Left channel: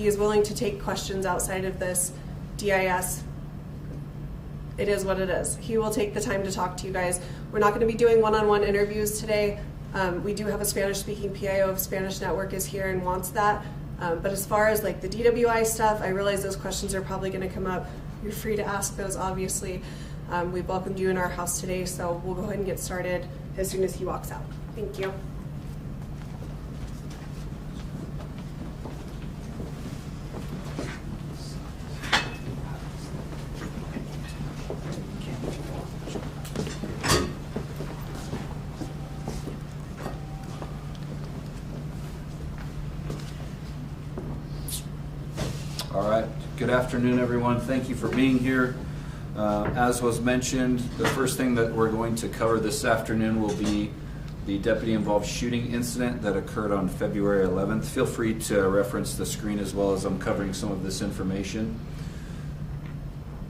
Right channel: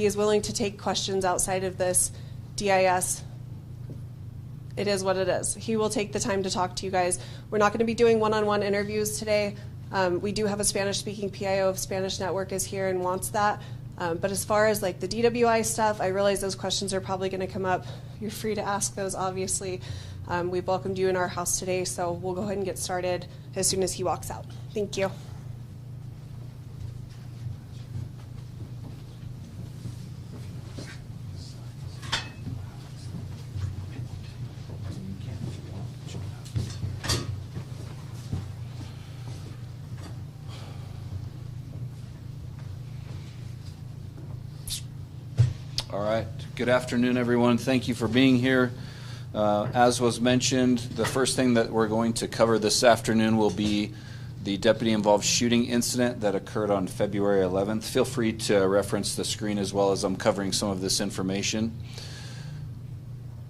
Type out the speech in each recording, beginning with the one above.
he is willing to take questions outside of this DIS. It is what it is. He will take the time to talk to you guys. We're not going to be doing one-on-one interviews today. We do have a Spanish-speaking PIO if Spanish Network is here and wants that. But as far as like the DWI stuff, I realize those questions are probably going to come up. You're free to ask those, obviously. We've welcomed you in our house today, so we'll go ahead and get started as soon as he walks out. Thank you. All right. Good afternoon, everyone. Thank you for being here. As was mentioned, the first thing that we're going to cover this afternoon will be the deputy-involved shooting incident that occurred on February 11th. Feel free to reference the screen as well as I'm covering some of this information.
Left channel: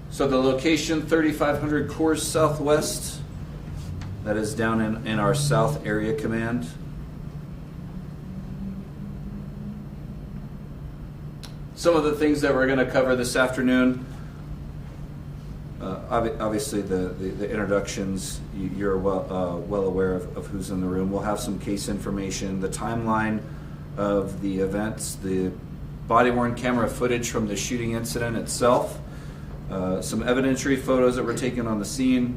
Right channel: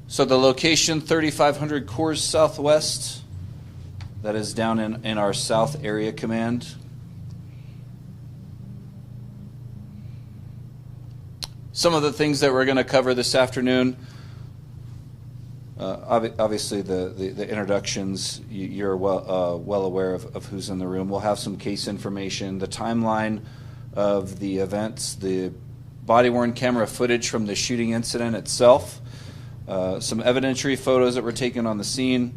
So the location, 3500 Coors Southwest, that is down in our South Area Command. Some of the things that we're going to cover this afternoon, obviously the introductions, you're well aware of who's in the room. We'll have some case information, the timeline of the events, the body-worn camera footage from the shooting incident itself, some evidentiary photos that were taken on the scene,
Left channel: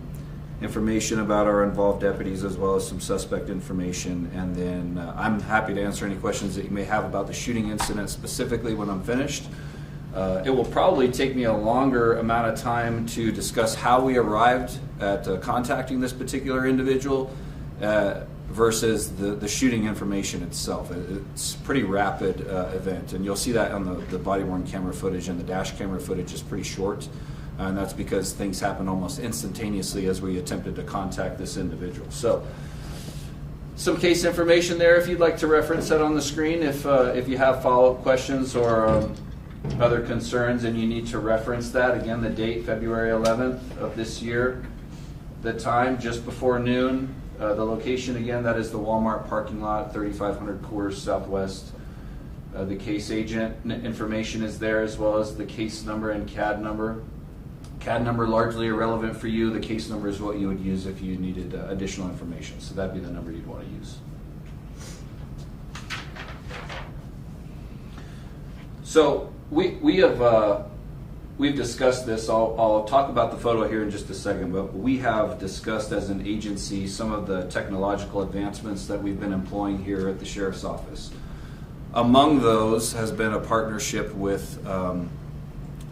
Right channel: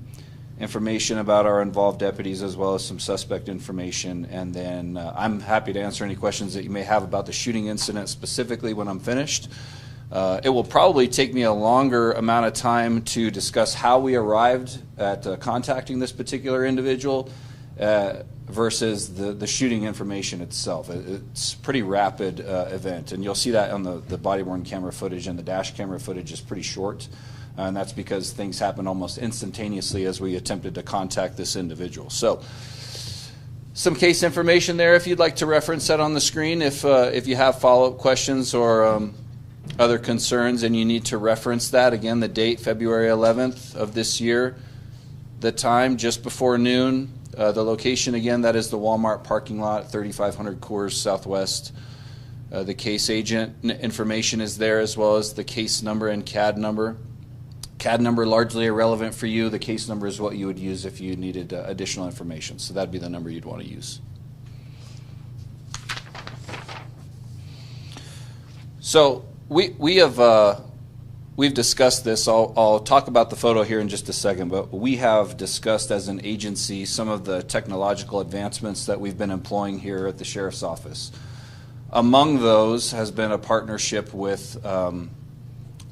information about our involved deputies, as well as some suspect information. And then I'm happy to answer any questions that you may have about the shooting incident specifically when I'm finished. It will probably take me a longer amount of time to discuss how we arrived at contacting this particular individual versus the shooting information itself. It's a pretty rapid event, and you'll see that on the body-worn camera footage, and the dash camera footage is pretty short. And that's because things happened almost instantaneously as we attempted to contact this individual. So, some case information there if you'd like to reference that on the screen. If you have follow-up questions or other concerns and you need to reference that. Again, the date, February 11th of this year. The time, just before noon. The location, again, that is the Walmart parking lot, 3500 Coors Southwest. The case agent information is there, as well as the case number and CAD number. CAD number largely irrelevant for you. The case number is what you would use if you needed additional information. So that'd be the number you'd want to use. So we've discussed this. I'll talk about the photo here in just a second, but we have discussed as an agency some of the technological advancements that we've been employing here at the Sheriff's Office. Among those has been a partnership with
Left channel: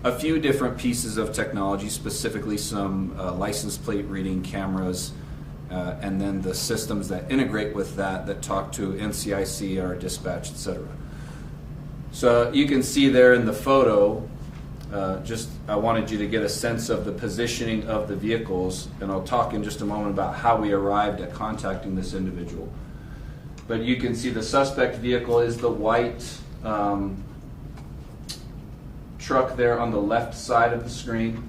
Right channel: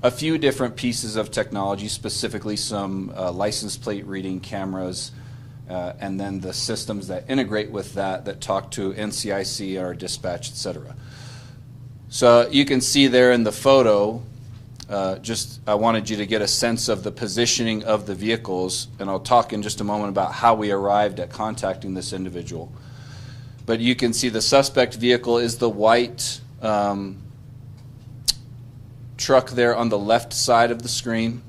a few different pieces of technology, specifically some license plate reading cameras, and then the systems that integrate with that talk to NCIC, our dispatch, etc. So you can see there in the photo, I wanted you to get a sense of the positioning of the vehicles, and I'll talk in just a moment about how we arrived at contacting this individual. But you can see the suspect vehicle is the white truck there on the left side of the screen,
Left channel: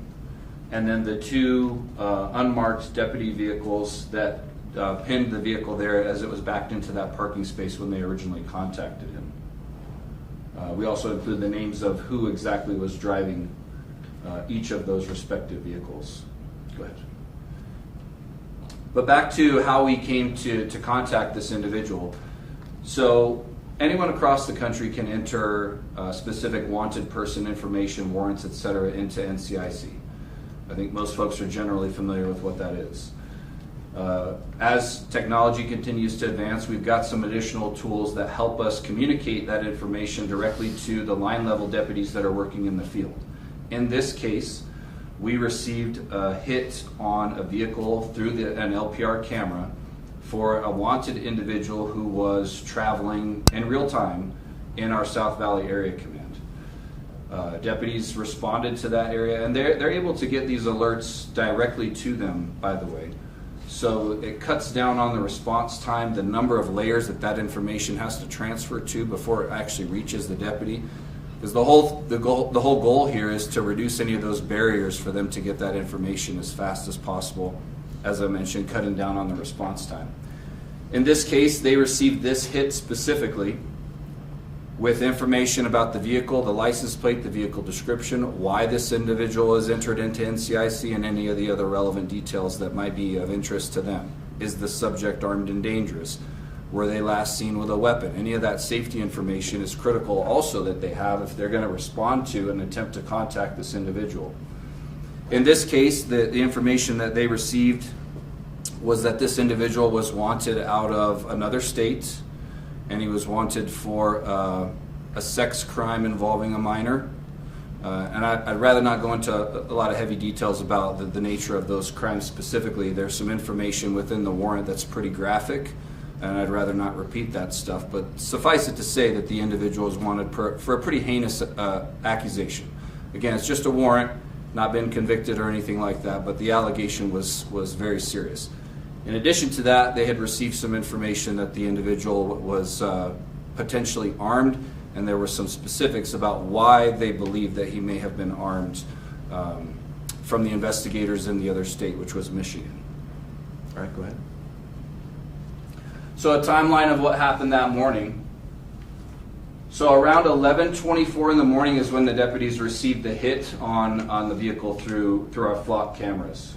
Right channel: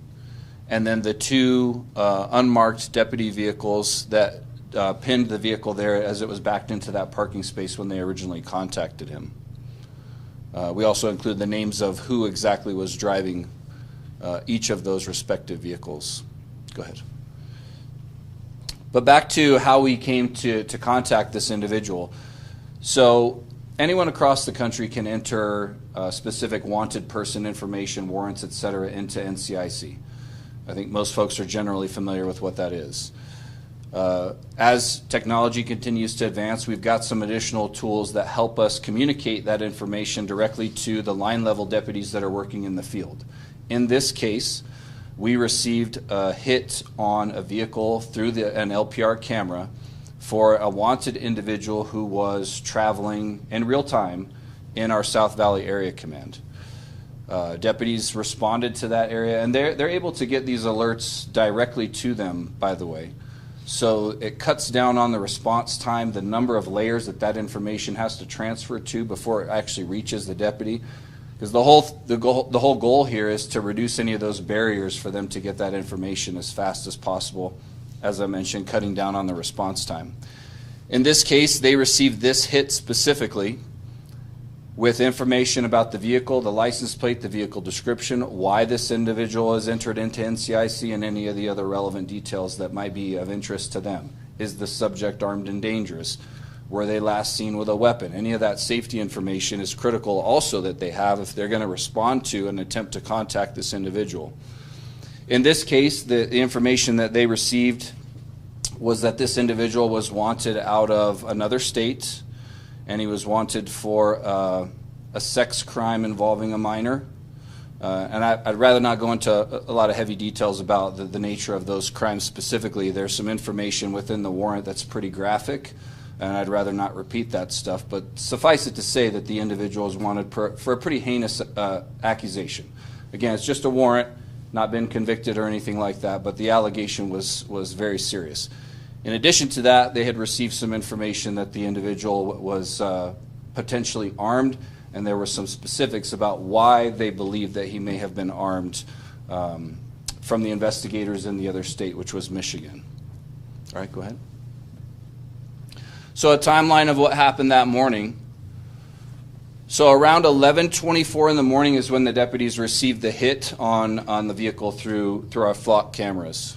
and then the two unmarked deputy vehicles that pinned the vehicle there as it was backed into that parking space when they originally contacted him. We also include the names of who exactly was driving each of those respective vehicles. Go ahead. But back to how we came to contact this individual. So anyone across the country can enter specific wanted person information, warrants, etc. into NCIC. I think most folks are generally familiar with what that is. As technology continues to advance, we've got some additional tools that help us communicate that information directly to the line level deputies that are working in the field. In this case, we received a hit on a vehicle through an LPR camera for a wanted individual who was traveling in real time in our South Valley Area Command. Deputies responded to that area, and they're able to get these alerts directly to them, by the way. So it cuts down on the response time, the number of layers that information has to transfer to before it actually reaches the deputy. Because the whole goal here is to reduce any of those barriers for them to get that information as fast as possible. As I mentioned, cutting down on the response time. In this case, they received this hit specifically, with information about the vehicle, the license plate, the vehicle description, why this individual is entered into NCIC, and any of the other relevant details that might be of interest to them. Is the subject armed and dangerous? Were they last seen with a weapon? Any of that safety information is critical also that they have if they're going to respond to an attempt to contact this individual. In this case, the information that they received was that this individual was wanted out of another state, and he was wanted for a sex crime involving a minor. And I'd rather not go into a lot of heavy details about the nature of those crimes specifically. There's some information within the warrant that's pretty graphic, and I'd rather not repeat that stuff. But suffice it to say that the individual is wanted for a pretty heinous accusation. Again, it's just a warrant, not been convicted or anything like that, but the allegation was very serious. In addition to that, they had received some information that the individual was potentially armed, and there were some specifics about why they believed that he may have been armed from the investigators in the other state, which was Michigan. All right, go ahead. So a timeline of what happened that morning. So around 11:24 in the morning is when the deputies received the hit on the vehicle through our flock cameras.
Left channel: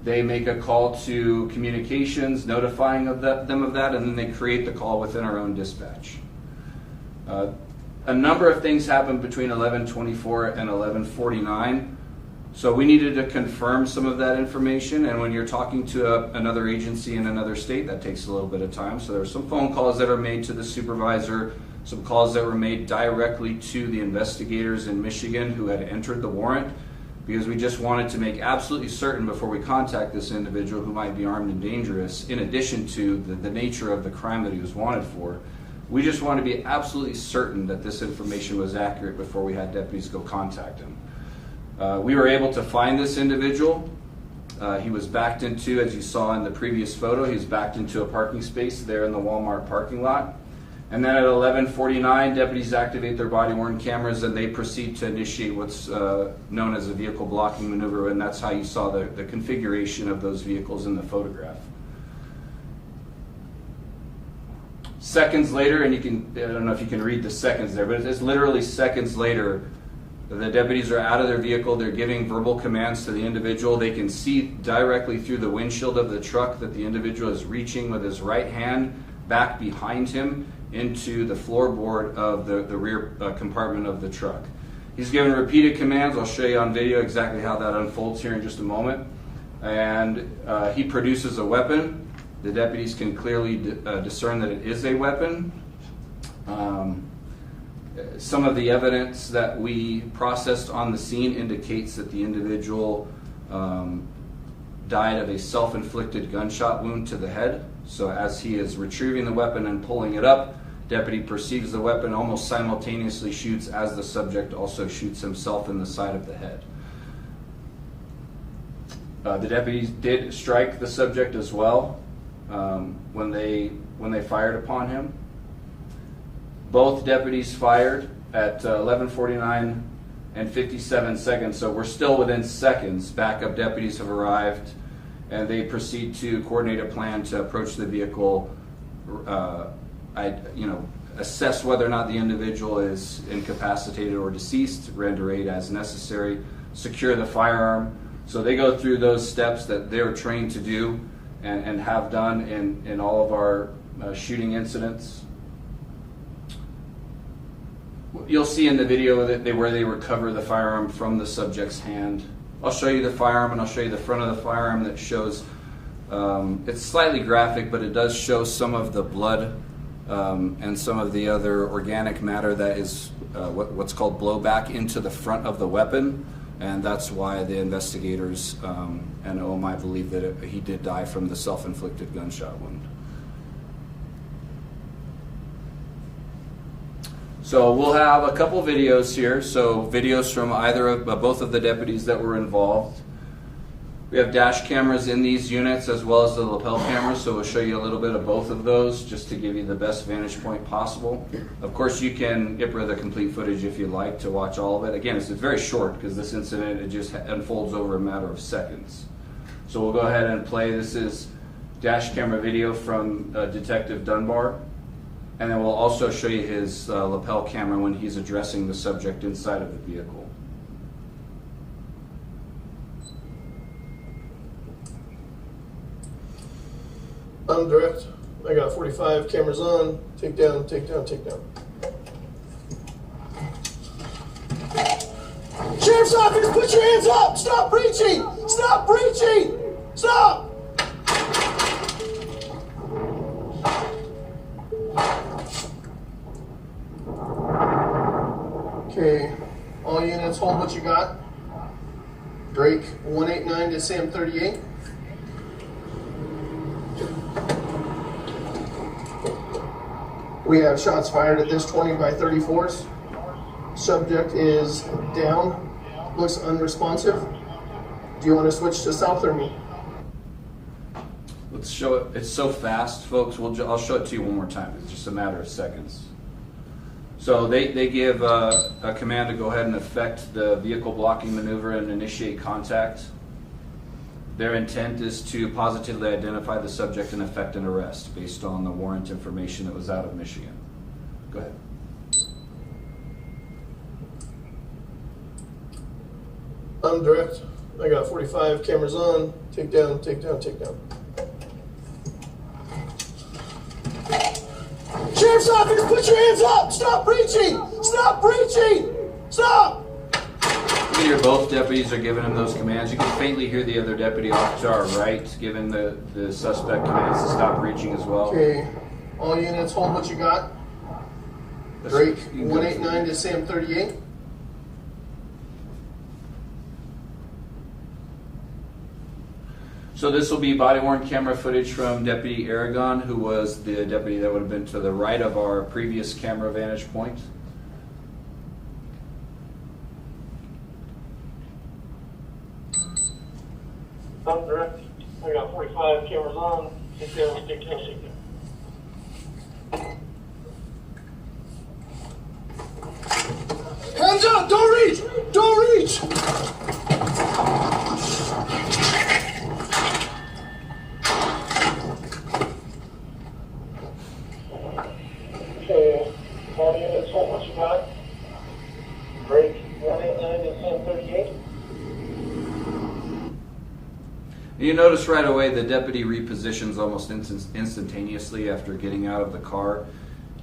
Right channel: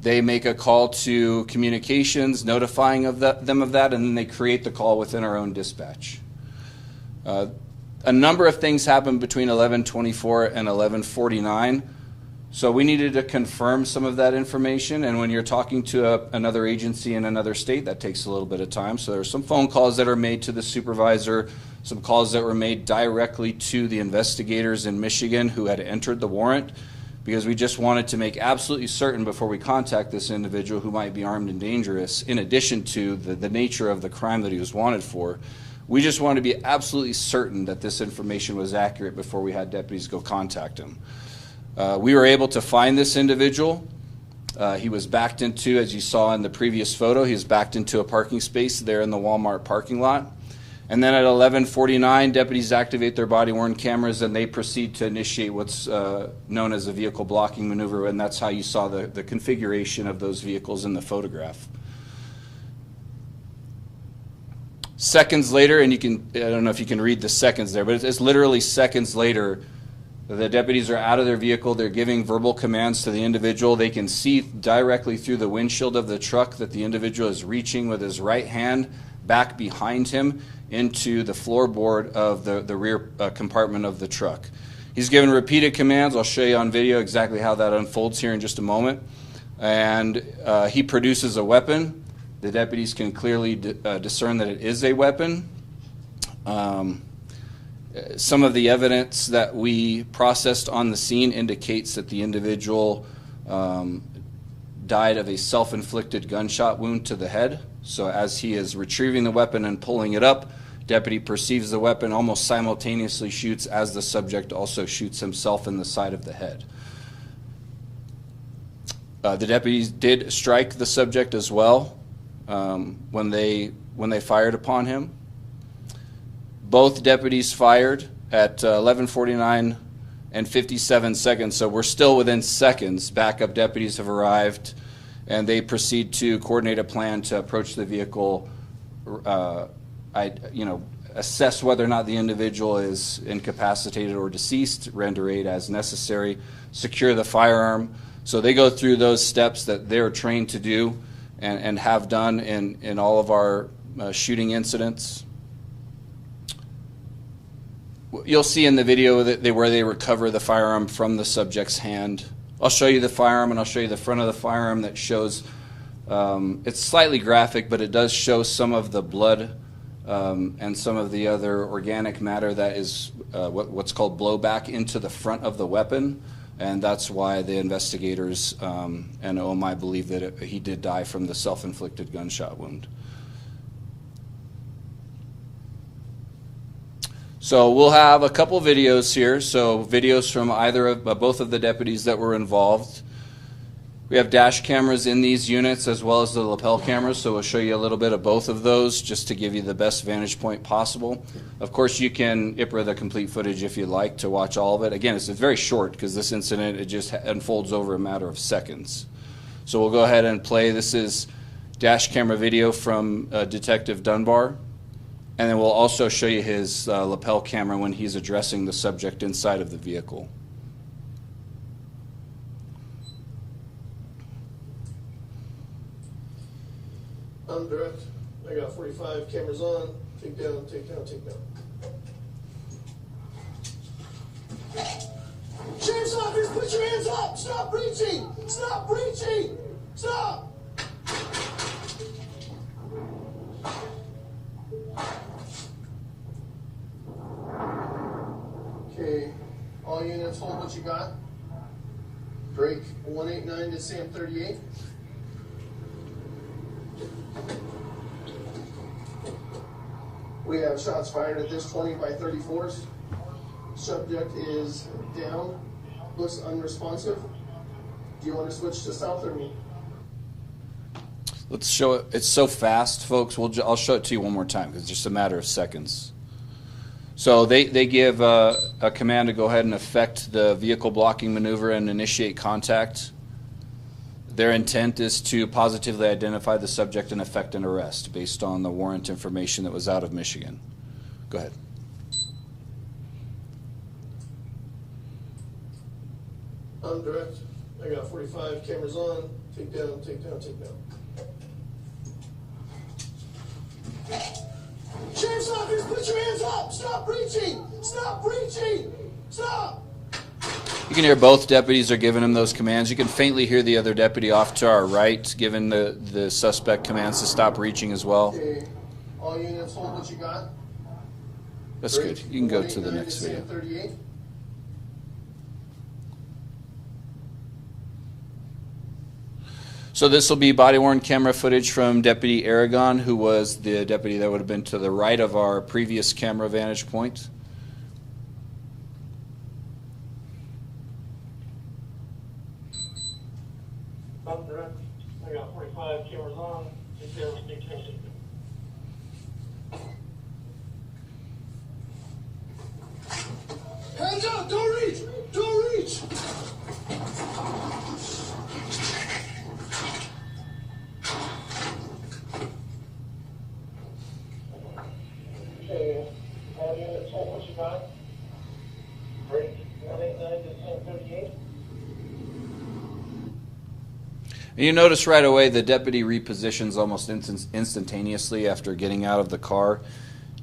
They make a call to communications, notifying them of that, and then they create the call within our own dispatch. A number of things happened between 11:24 and 11:49, so we needed to confirm some of that information, and when you're talking to another agency in another state, that takes a little bit of time. So there are some phone calls that are made to the supervisor, some calls that were made directly to the investigators in Michigan who had entered the warrant, because we just wanted to make absolutely certain before we contact this individual who might be armed and dangerous, in addition to the nature of the crime that he was wanted for. We just wanted to be absolutely certain that this information was accurate before we had deputies go contact him. We were able to find this individual. He was backed into, as you saw in the previous photo, he was backed into a parking space there in the Walmart parking lot. And then at 11:49, deputies activate their body-worn cameras and they proceed to initiate what's known as a vehicle blocking maneuver, and that's how you saw the configuration of those vehicles in the photograph. Seconds later, and I don't know if you can read the seconds there, but it's literally seconds later, the deputies are out of their vehicle, they're giving verbal commands to the individual. They can see directly through the windshield of the truck that the individual is reaching with his right hand back behind him into the floorboard of the rear compartment of the truck. He's given repeated commands. I'll show you on video exactly how that unfolds here in just a moment. And he produces a weapon. The deputies can clearly discern that it is a weapon. Some of the evidence that we processed on the scene indicates that the individual died of a self-inflicted gunshot wound to the head. So as he is retrieving the weapon and pulling it up, deputy perceives the weapon, almost simultaneously shoots as the subject also shoots himself in the side of the head. The deputies did strike the subject as well when they fired upon him. Both deputies fired at 11:49 and 57 seconds, so we're still within seconds. Backup deputies have arrived, and they proceed to coordinate a plan to approach the vehicle, assess whether or not the individual is incapacitated or deceased, render aid as necessary, secure the firearm. So they go through those steps that they're trained to do and have done in all of our shooting incidents. You'll see in the video that where they recover the firearm from the subject's hand. I'll show you the firearm, and I'll show you the front of the firearm that shows, it's slightly graphic, but it does show some of the blood and some of the other organic matter that is what's called blowback into the front of the weapon. And that's why the investigators and OMI believe that he did die from the self-inflicted gunshot wound. So we'll have a couple videos here. So videos from either of both of the deputies that were involved. We have dash cameras in these units as well as the lapel cameras, so we'll show you a little bit of both of those just to give you the best vantage point possible. Of course, you can IPRA the complete footage if you'd like to watch all of it. Again, it's very short because this incident, it just unfolds over a matter of seconds. So we'll go ahead and play. This is dash camera video from Detective Dunbar. And then we'll also show you his lapel camera when he's addressing the subject inside of the vehicle. I'm direct. I got 45 cameras on. Take down, take down, take down. Sheriff's office, put your hands up! Stop breaching! Stop breaching! Stop! Okay, all units hold what you got. Drake 189 to Sam 38. We have shots fired at this 20 by 34s. Subject is down, looks unresponsive. Do you want to switch to south or me? Let's show it. It's so fast, folks. I'll show it to you one more time because it's just a matter of seconds. So they give a command to go ahead and effect the vehicle blocking maneuver and initiate contact. Their intent is to positively identify the subject and effect an arrest based on the warrant information that was out of Michigan. Go ahead. I'm direct. I got 45 cameras on. Take down, take down, take down. Sheriff's office, put your hands up! Stop breaching! Stop breaching! Stop! You can hear both deputies are giving him those commands. You can faintly hear the other deputy off to our right giving the suspect commands to stop reaching as well. Okay, all units hold what you got. That's Drake good. You can go to the 189 to next. Sam 38. So this will be body-worn camera footage from Deputy Aragon, who was the deputy that would have been to the right of our previous camera vantage point. I'm direct. I got 45 cameras on. Take down, take down, take down. Hands up! Don't reach! Don't reach! Okay, all units, hold what you got. Break 189 to 1038. And you notice right away the deputy repositions almost instantaneously after getting out of the car.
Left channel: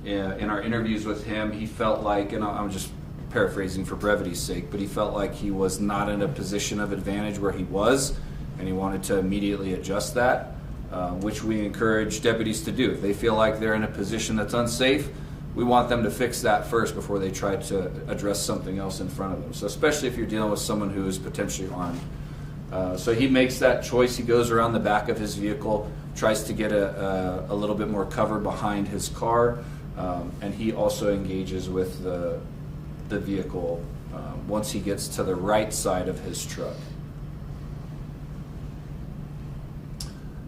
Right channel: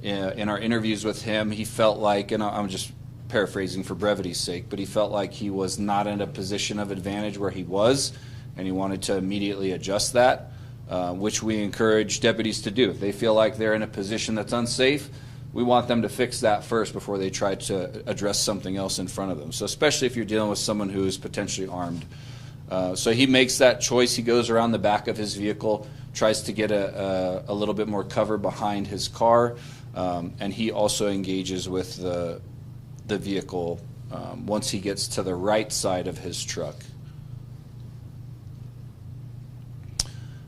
In our interviews with him, he felt like, and I'm just paraphrasing for brevity's sake, but he felt like he was not in a position of advantage where he was, and he wanted to immediately adjust that, which we encourage deputies to do. If they feel like they're in a position that's unsafe, we want them to fix that first before they try to address something else in front of them. So especially if you're dealing with someone who is potentially armed. So he makes that choice. He goes around the back of his vehicle, tries to get a little bit more cover behind his car, and he also engages with the vehicle once he gets to the right side of his truck.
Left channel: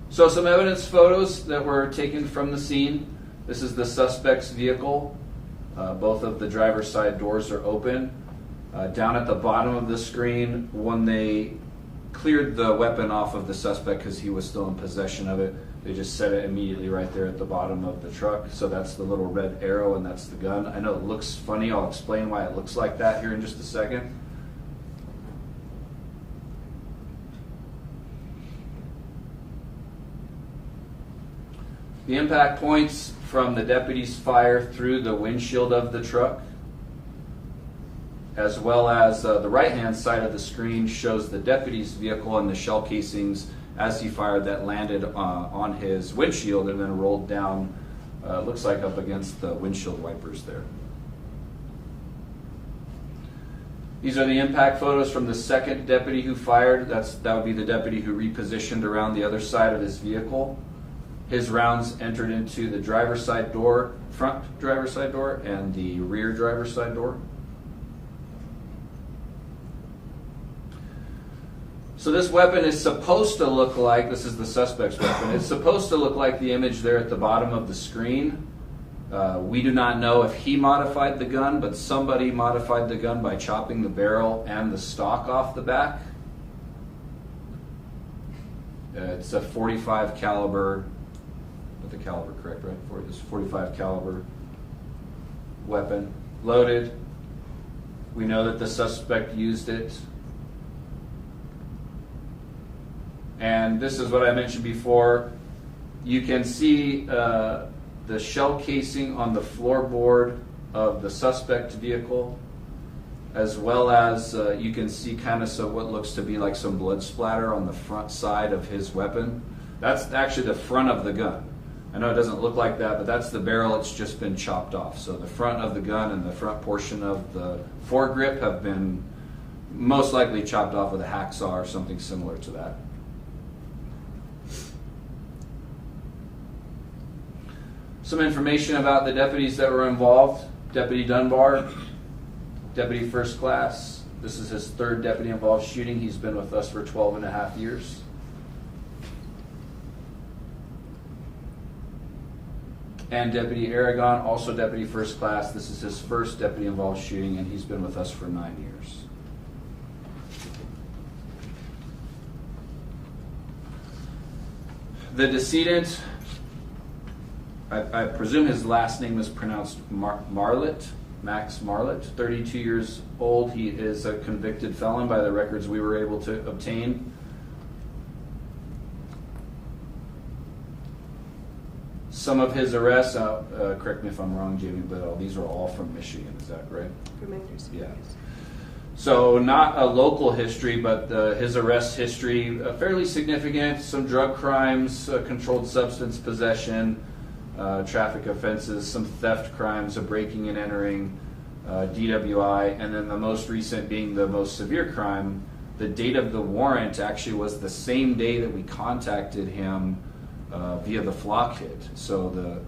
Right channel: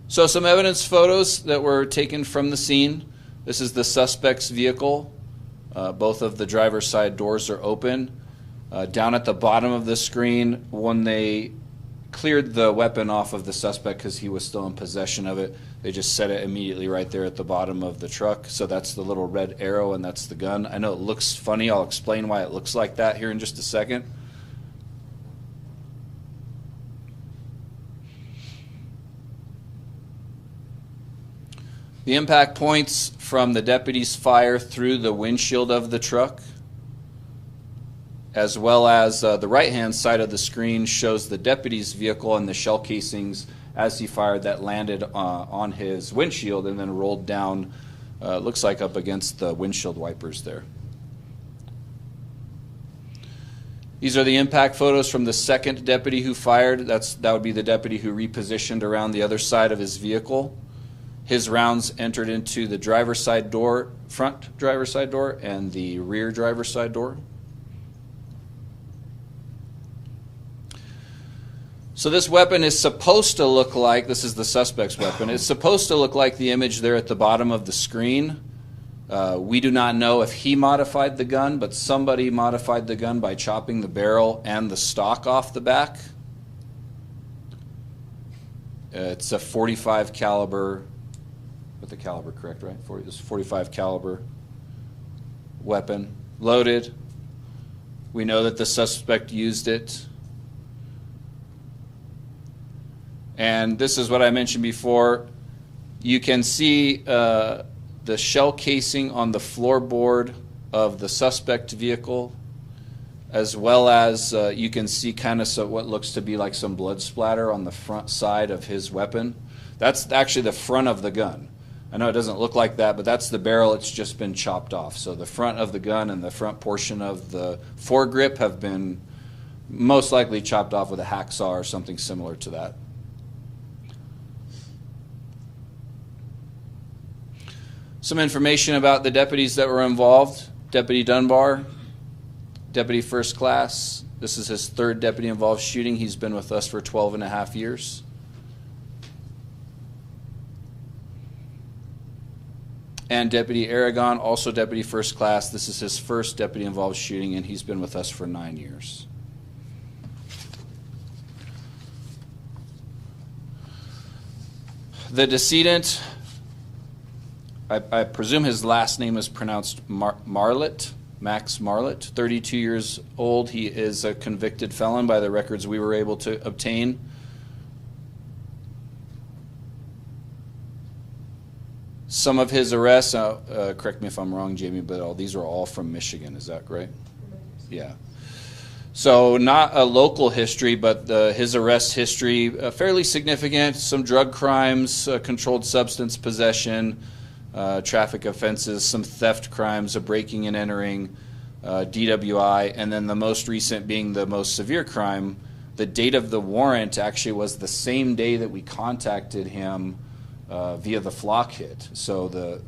So some evidence photos that were taken from the scene. This is the suspect's vehicle. Both of the driver's side doors are open. Down at the bottom of the screen, when they cleared the weapon off of the suspect because he was still in possession of it, they just set it immediately right there at the bottom of the truck. So that's the little red arrow and that's the gun. I know it looks funny. I'll explain why it looks like that here in just a second. The impact points from the deputy's fire through the windshield of the truck, as well as the right-hand side of the screen shows the deputy's vehicle and the shell casings as he fired that landed on his windshield and then rolled down, looks like up against the windshield wipers there. These are the impact photos from the second deputy who fired. That would be the deputy who repositioned around the other side of his vehicle. His rounds entered into the driver's side door, front driver's side door, and the rear driver's side door. So this weapon is supposed to look like, this is the suspect's weapon, it's supposed to look like the image there at the bottom of the screen. We do not know if he modified the gun, but somebody modified the gun by chopping the barrel and the stock off the back. It's a .45 caliber, with the caliber correct, right? It's 45 caliber weapon, loaded. We know that the suspect used it. And this is what I mentioned before. You can see the shell casing on the floorboard of the suspect vehicle, as well as you can see kind of what looks to be like some blood splatter on the front side of his weapon. That's actually the front of the gun. I know it doesn't look like that, but that's the barrel. It's just been chopped off. So the front of the gun and the front portion of the foregrip have been most likely chopped off with a hacksaw or something similar to that. Some information about the deputies that were involved. Deputy Dunbar, Deputy First Class. This is his third deputy involved shooting. He's been with us for 12 and a half years. And Deputy Aragon, also Deputy First Class. This is his first deputy involved shooting, and he's been with us for 9 years. The decedent, I presume his last name is pronounced Marlatt, Max Marlatt, 32 years old. He is a convicted felon by the records we were able to obtain. Some of his arrests, correct me if I'm wrong, Jamie, but these are all from Michigan, is that right? Yeah. So not a local history, but his arrest history, fairly significant. Some drug crimes, controlled substance possession, traffic offenses, some theft crimes, a breaking and entering, DWI, and then the most recent being the most severe crime. The date of the warrant actually was the same day that we contacted him via the flock hit. So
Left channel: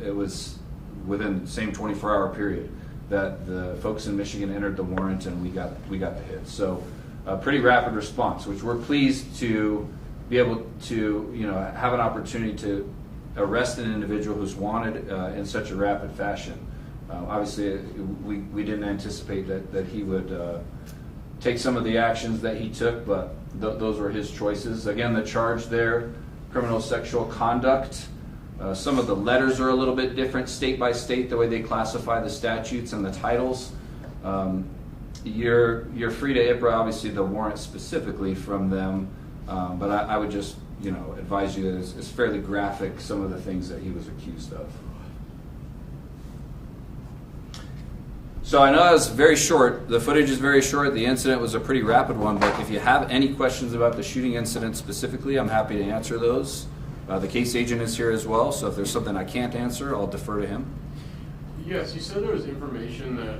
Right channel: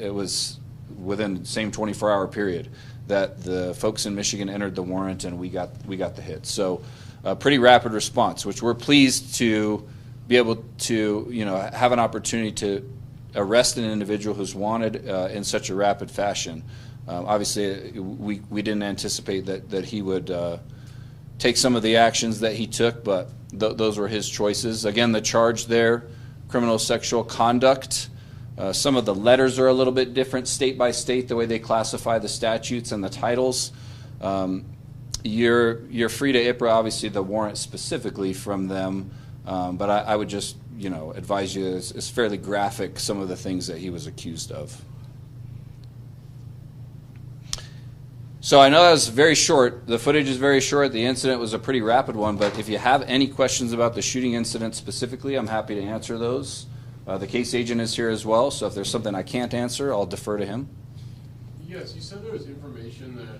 it was within the same 24-hour period that the folks in Michigan entered the warrant, and we got the hit. So a pretty rapid response, which we're pleased to be able to have an opportunity to arrest an individual who's wanted in such a rapid fashion. Obviously, we didn't anticipate that he would take some of the actions that he took, but those were his choices. Again, the charge there, criminal sexual conduct. Some of the letters are a little bit different state by state, the way they classify the statutes and the titles. You're free to IPRA, obviously, the warrant specifically from them, but I would just advise you it's fairly graphic, some of the things that he was accused of. So I know that was very short. The footage is very short. The incident was a pretty rapid one, but if you have any questions about the shooting incident specifically, I'm happy to answer those. The case agent is here as well, so if there's something I can't answer, I'll defer to him. Yes, you said there was information that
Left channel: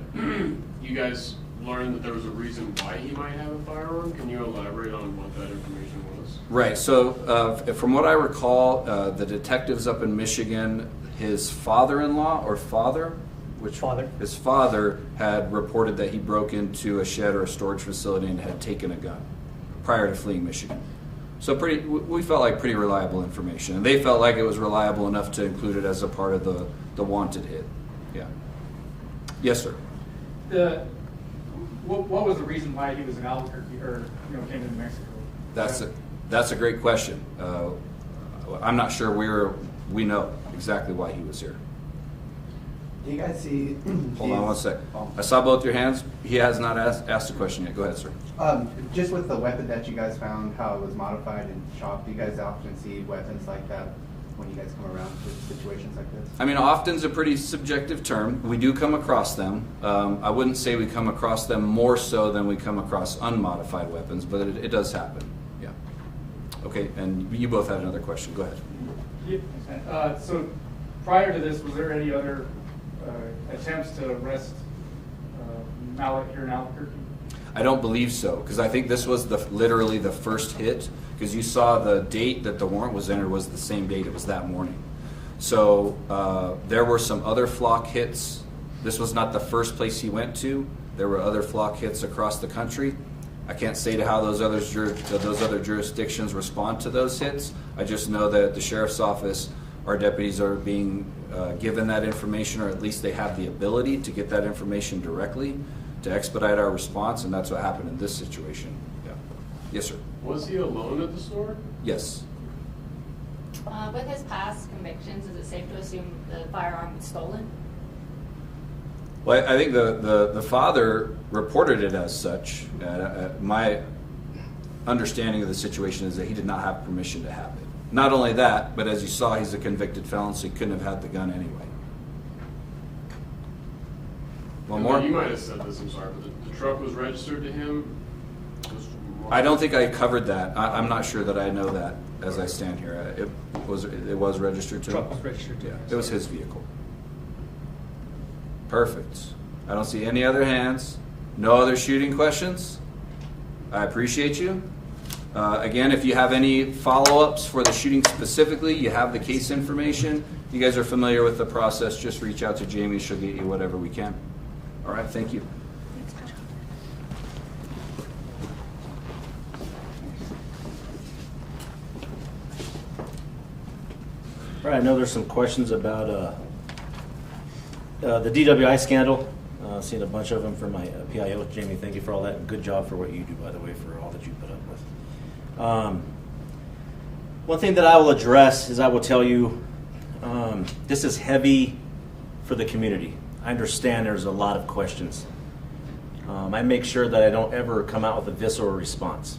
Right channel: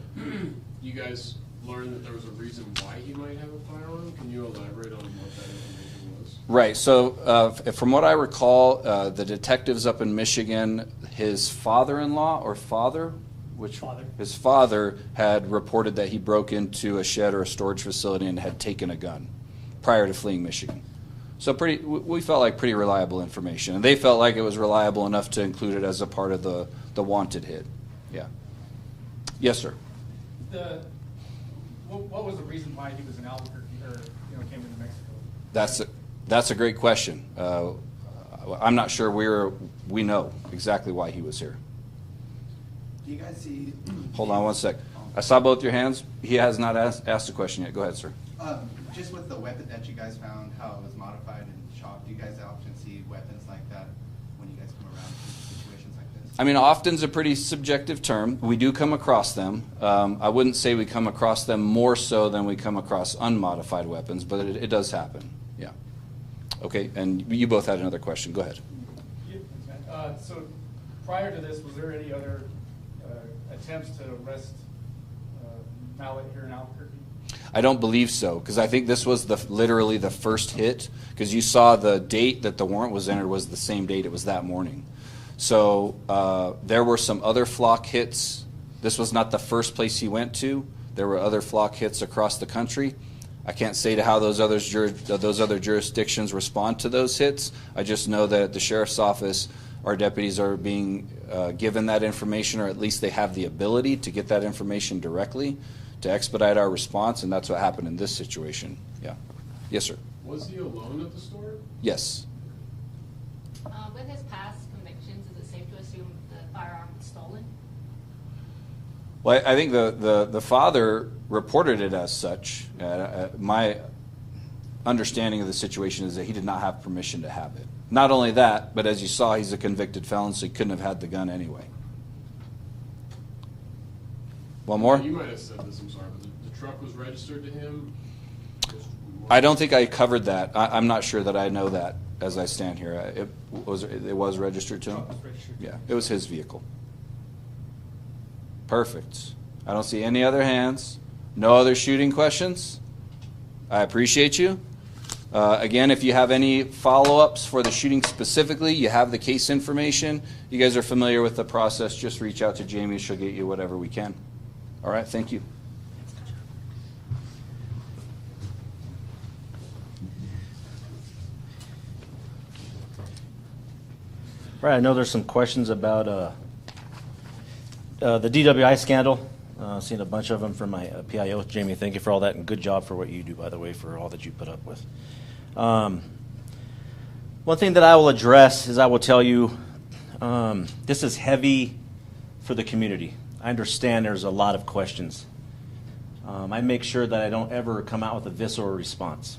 you guys learned that there was a reason why he might have a firearm. Can you elaborate on what that information was? Right, so from what I recall, the detectives up in Michigan, his father-in-law or father? Which father? His father had reported that he broke into a shed or a storage facility and had taken a gun prior to fleeing Michigan. So we felt like pretty reliable information. And they felt like it was reliable enough to include it as a part of the wanted hit. Yeah. Yes, sir. What was the reason why he was in Albuquerque or came to New Mexico? That's a great question. I'm not sure we know exactly why he was here. Do you guys see? Hold on one sec. I saw both your hands. He has not asked a question yet. Go ahead, sir. Just with the weapon that you guys found, how it was modified and chopped, do you guys often see weapons like that when you guys come around to situations like this? I mean, often's a pretty subjective term. We do come across them. I wouldn't say we come across them more so than we come across unmodified weapons, but it does happen. Yeah. Okay, and you both had another question. Go ahead. So prior to this, was there any other attempts to arrest Marlatt here in Albuquerque? I don't believe so, because I think this was literally the first hit, because you saw the date that the warrant was entered was the same date. It was that morning. So there were some other flock hits. This was not the first place he went to. There were other flock hits across the country. I can't say to how those other jurisdictions respond to those hits. I just know that the sheriff's office, our deputies are being given that information, or at least they have the ability to get that information directly to expedite our response, and that's what happened in this situation. Yeah. Yes, sir. Was he alone at the store? Yes. With his past convictions, is it safe to assume the firearm was stolen? Well, I think the father reported it as such. My understanding of the situation is that he did not have permission to have it. Not only that, but as you saw, he's a convicted felon, so he couldn't have had the gun anyway. One more? You might have said this, I'm sorry, but the truck was registered to him? I don't think I covered that. I'm not sure that I know that as I stand here. It was registered to him? Truck was registered to him. Yeah, it was his vehicle. Perfect. I don't see any other hands. No other shooting questions? I appreciate you. Again, if you have any follow-ups for the shooting specifically, you have the case information. You guys are familiar with the process. Just reach out to Jamie. She'll get you whatever we can. All right, thank you. All right, I know there's some questions about the DWI scandal. Seen a bunch of them from my PIO with Jamie. Thank you for all that, and good job for what you do, by the way, for all that you put up with. One thing that I will address is I will tell you this is heavy for the community. I understand there's a lot of questions. I make sure that I don't ever come out with a visceral response.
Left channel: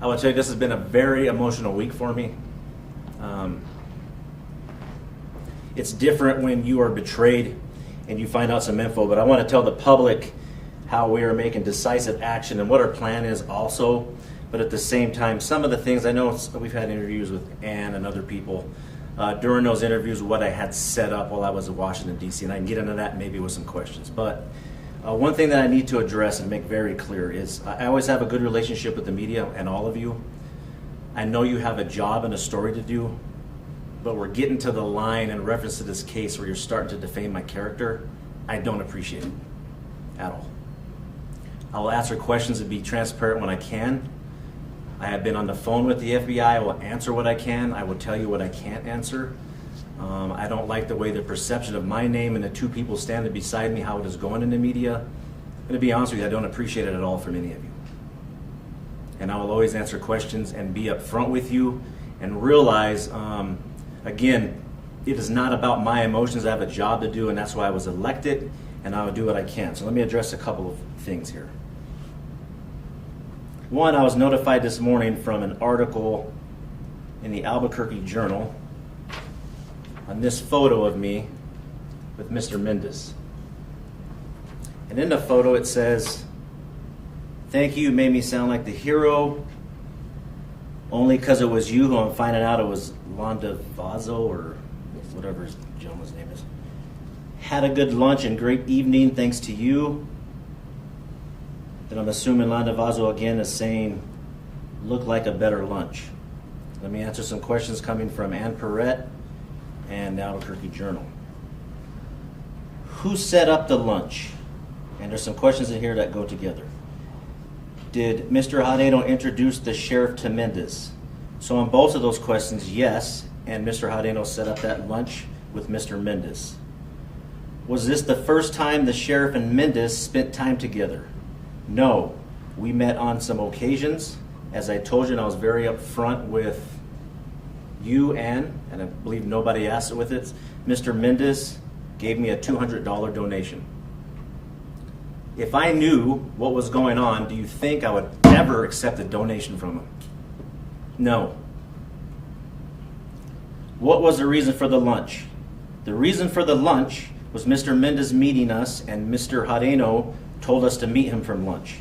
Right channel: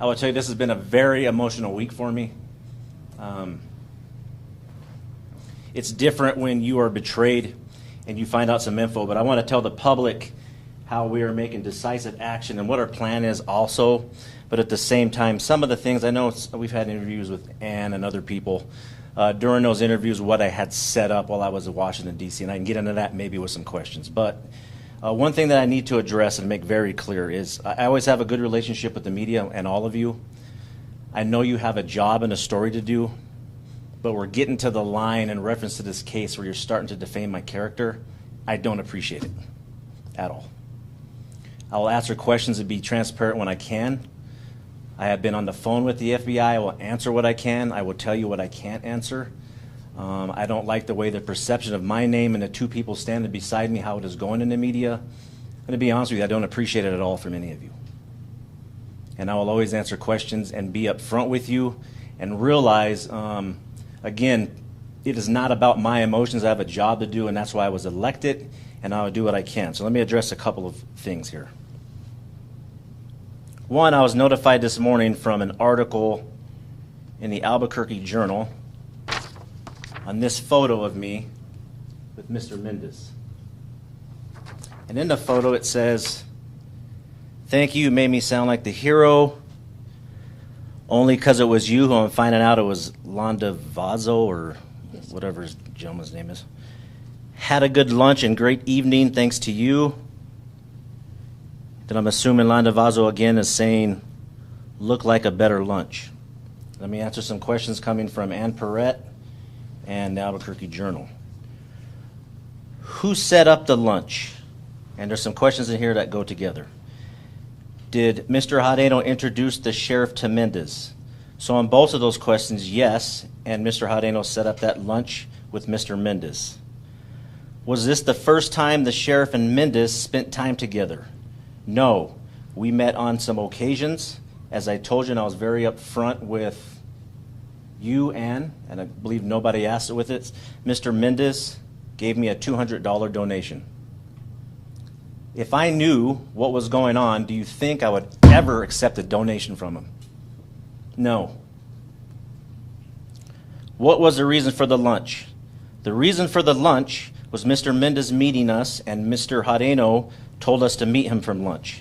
I will tell you this has been a very emotional week for me. It's different when you are betrayed and you find out some info, but I want to tell the public how we are making decisive action and what our plan is also. But at the same time, some of the things, I know we've had interviews with Ann and other people. During those interviews, what I had set up while I was in Washington, D.C., and I can get into that maybe with some questions. But one thing that I need to address and make very clear is I always have a good relationship with the media and all of you. I know you have a job and a story to do, but we're getting to the line in reference to this case where you're starting to defame my character. I don't appreciate it at all. I'll answer questions and be transparent when I can. I have been on the phone with the FBI. I will answer what I can. I will tell you what I can't answer. I don't like the way the perception of my name and the two people standing beside me, how it is going in the media. And to be honest with you, I don't appreciate it at all from any of you. And I will always answer questions and be upfront with you and realize, again, it is not about my emotions. I have a job to do, and that's why I was elected, and I will do what I can. So let me address a couple of things here. One, I was notified this morning from an article in the Albuquerque Journal on this photo of me with Mr. Mendez. And in the photo it says, "Thank you, made me sound like the hero. Only because it was you who I'm finding out it was Londa Vazo, or whatever his gentleman's name is. Had a good lunch and great evening thanks to you." Then I'm assuming Londa Vazo again is saying, "Look like a better lunch." Let me answer some questions coming from Ann Perrette and the Albuquerque Journal. Who set up the lunch? And there's some questions in here that go together. Did Mr. Hadeno introduce the sheriff to Mendez? So on both of those questions, yes, and Mr. Hadeno set up that lunch with Mr. Mendez. Was this the first time the sheriff and Mendez spent time together? No. We met on some occasions. As I told you, and I was very upfront with you, Ann, and I believe nobody asked it with it, Mr. Mendez gave me a $200 donation. If I knew what was going on, do you think I would ever accept a donation from him? No. What was the reason for the lunch? The reason for the lunch was Mr. Mendez meeting us, and Mr. Hadeno told us to meet him for lunch.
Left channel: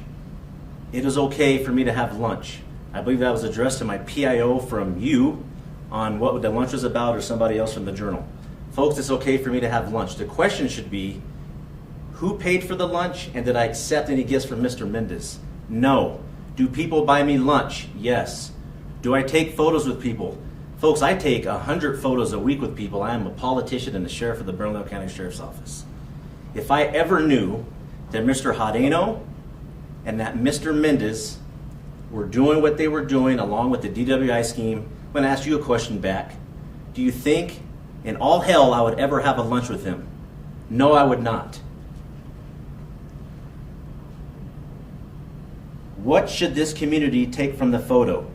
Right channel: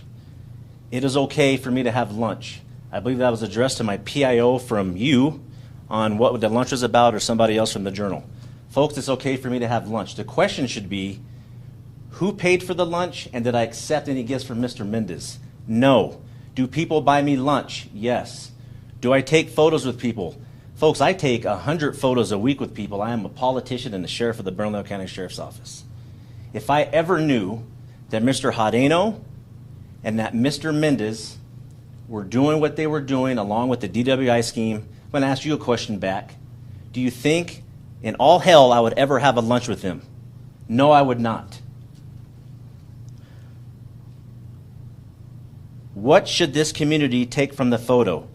It is okay for me to have lunch. I believe that was addressed to my PIO from you on what the lunch was about, or somebody else from the Journal. Folks, it's okay for me to have lunch. The question should be, who paid for the lunch, and did I accept any gifts from Mr. Mendez? No. Do people buy me lunch? Yes. Do I take photos with people? Folks, I take 100 photos a week with people. I am a politician and the sheriff of the Bernalillo County Sheriff's Office. If I ever knew that Mr. Hadeno and that Mr. Mendez were doing what they were doing along with the DWI scheme, I'm going to ask you a question back. Do you think in all hell I would ever have a lunch with him? No, I would not. What should this community take from the photo?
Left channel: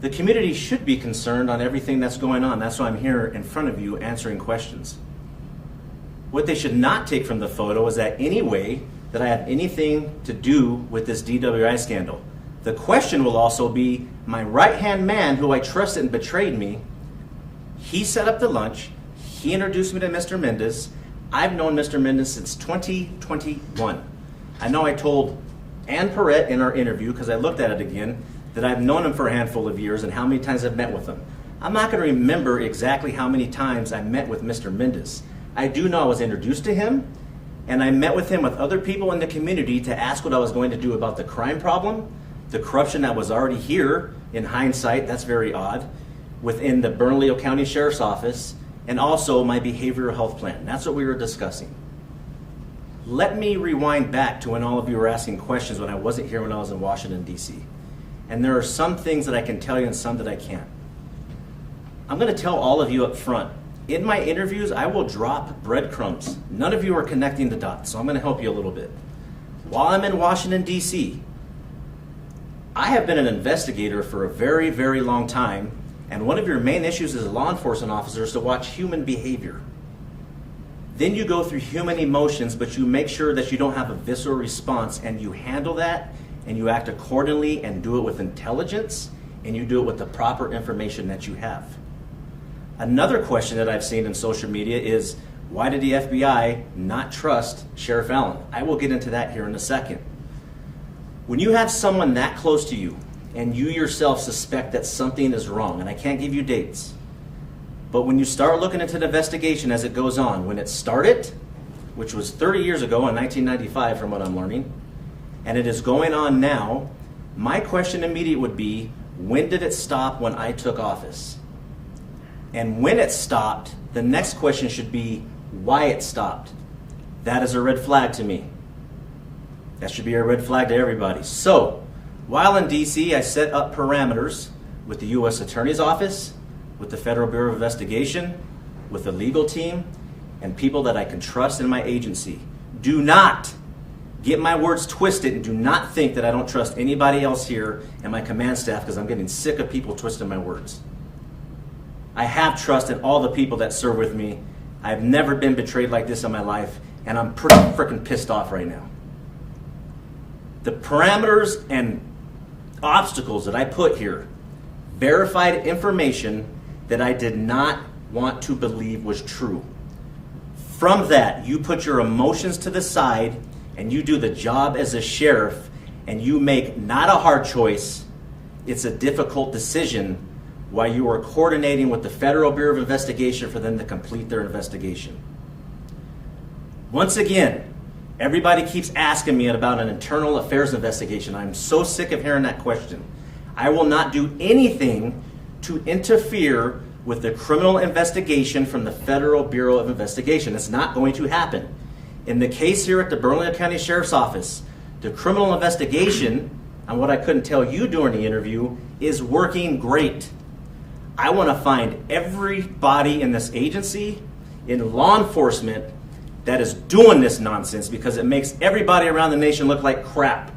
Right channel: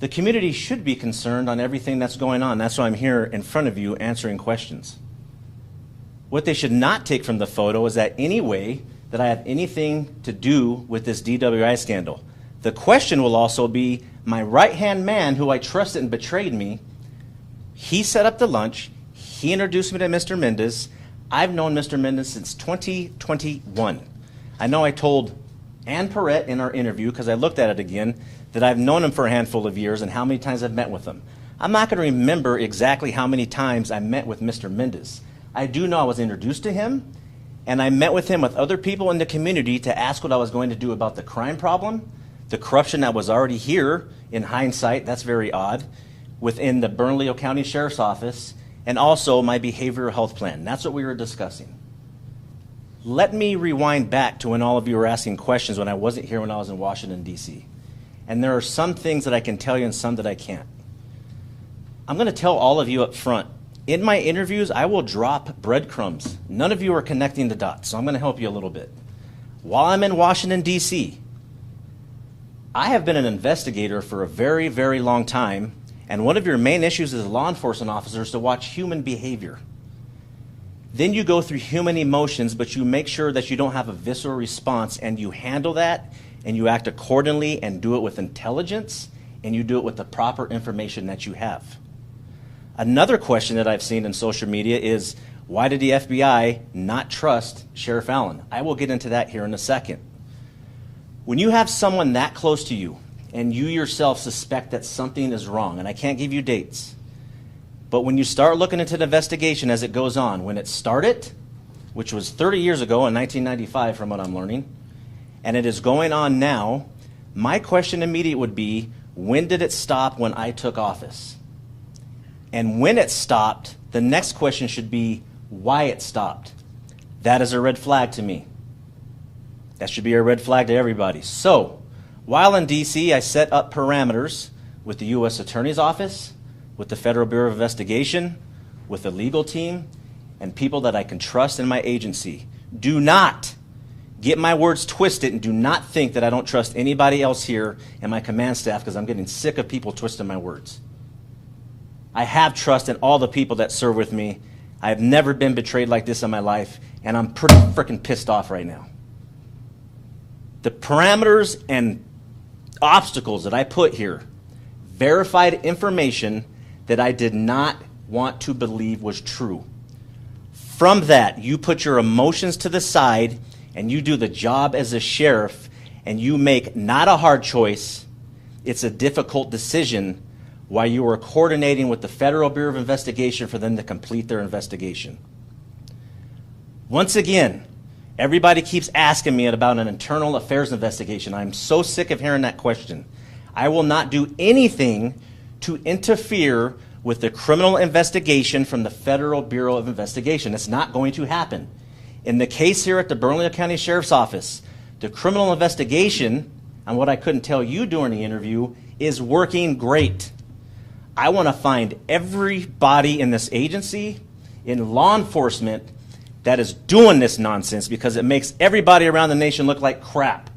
The community should be concerned on everything that's going on. That's why I'm here in front of you answering questions. What they should not take from the photo is that any way that I have anything to do with this DWI scandal. The question will also be, my right-hand man who I trusted and betrayed me, he set up the lunch, he introduced me to Mr. Mendez. I've known Mr. Mendez since 2021. I know I told Ann Perrette in our interview, because I looked at it again, that I've known him for a handful of years and how many times I've met with him. I'm not going to remember exactly how many times I met with Mr. Mendez. I do know I was introduced to him, and I met with him with other people in the community to ask what I was going to do about the crime problem, the corruption that was already here, in hindsight, that's very odd, within the Bernalillo County Sheriff's Office, and also my behavioral health plan. That's what we were discussing. Let me rewind back to when all of you were asking questions when I wasn't here when I was in Washington, D.C. And there are some things that I can tell you and some that I can't. I'm going to tell all of you up front, in my interviews, I will drop breadcrumbs. None of you are connecting the dots, so I'm going to help you a little bit. While I'm in Washington, D.C., I have been an investigator for a very, very long time, and one of your main issues as a law enforcement officer is to watch human behavior. Then you go through human emotions, but you make sure that you don't have a visceral response, and you handle that, and you act accordingly, and do it with intelligence, and you do it with the proper information that you have. Another question that I've seen in social media is, why did the FBI not trust Sheriff Allen? I will get into that here in a second. When you have someone that close to you, and you yourself suspect that something is wrong, and I can't give you dates, but when you start looking into the investigation as it goes on, when it started, which was 30 years ago in 1995 from what I'm learning, and it is going on now, my question immediate would be, when did it stop when I took office? And when it stopped, the next question should be why it stopped. That is a red flag to me. That should be a red flag to everybody. So, while in D.C., I set up parameters with the U.S. Attorney's Office, with the Federal Bureau of Investigation, with the legal team, and people that I can trust in my agency. Do not get my words twisted, and do not think that I don't trust anybody else here in my command staff, because I'm getting sick of people twisting my words. I have trust in all the people that serve with me. I've never been betrayed like this in my life, and I'm pretty freaking pissed off right now. The parameters and obstacles that I put here, verified information that I did not want to believe was true. From that, you put your emotions to the side, and you do the job as a sheriff, and you make not a hard choice, it's a difficult decision, while you are coordinating with the Federal Bureau of Investigation for them to complete their investigation. Once again, everybody keeps asking me about an internal affairs investigation. I'm so sick of hearing that question. I will not do anything to interfere with the criminal investigation from the Federal Bureau of Investigation. It's not going to happen. In the case here at the Bernalillo County Sheriff's Office, the criminal investigation, on what I couldn't tell you during the interview, is working great. I want to find everybody in this agency, in law enforcement, that is doing this nonsense, because it makes everybody around the nation look like crap.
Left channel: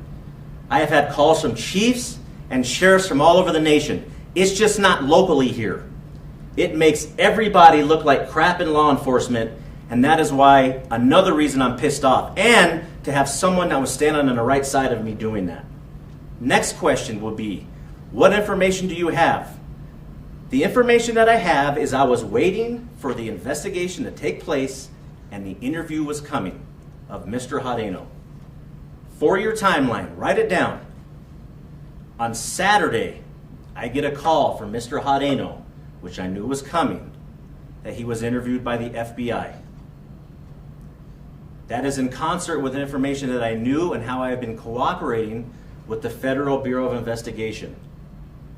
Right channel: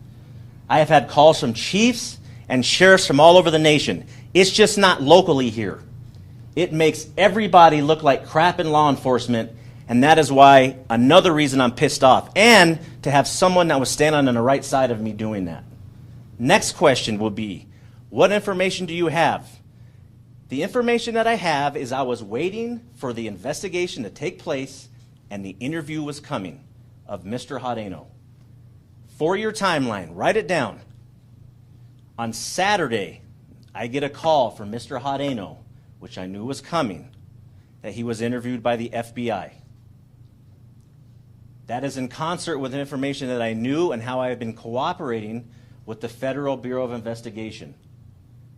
I have had calls from chiefs and sheriffs from all over the nation. It's just not locally here. It makes everybody look like crap in law enforcement, and that is why another reason I'm pissed off, and to have someone that was standing on the right side of me doing that. Next question will be, what information do you have? The information that I have is I was waiting for the investigation to take place, and the interview was coming of Mr. Hadeno. For your timeline, write it down. On Saturday, I get a call from Mr. Hadeno, which I knew was coming, that he was interviewed by the FBI. That is in concert with information that I knew and how I have been cooperating with the Federal Bureau of Investigation.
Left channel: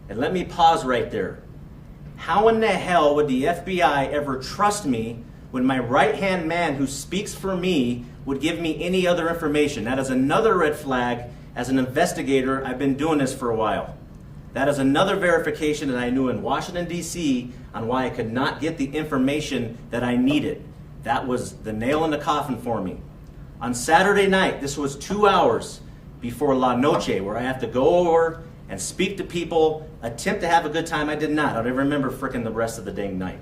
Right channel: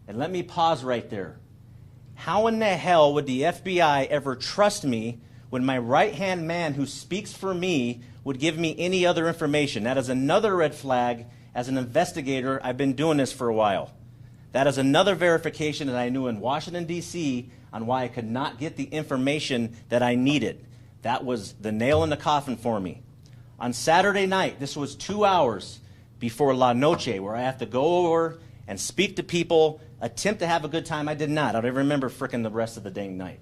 And let me pause right there. How in the hell would the FBI ever trust me when my right-hand man who speaks for me would give me any other information? That is another red flag. As an investigator, I've been doing this for a while. That is another verification that I knew in Washington, D.C. on why I could not get the information that I needed. That was the nail in the coffin for me. On Saturday night, this was 2 hours before La Noche, where I have to go over and speak to people, attempt to have a good time. I did not. I don't even remember frickin' the rest of the dang night.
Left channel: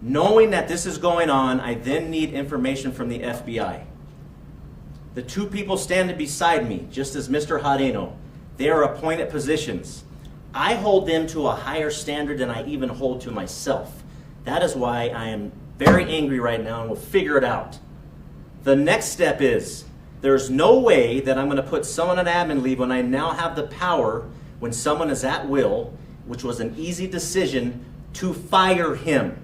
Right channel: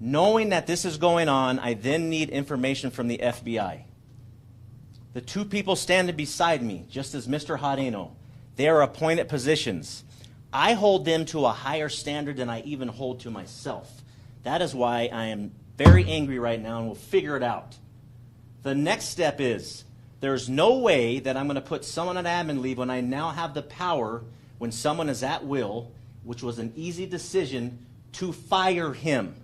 Knowing that this is going on, I then need information from the FBI. The two people standing beside me, just as Mr. Hadeno, they are appointed positions. I hold them to a higher standard than I even hold to myself. That is why I am very angry right now, and we'll figure it out. The next step is, there's no way that I'm going to put someone on admin leave when I now have the power, when someone is at will, which was an easy decision, to fire him.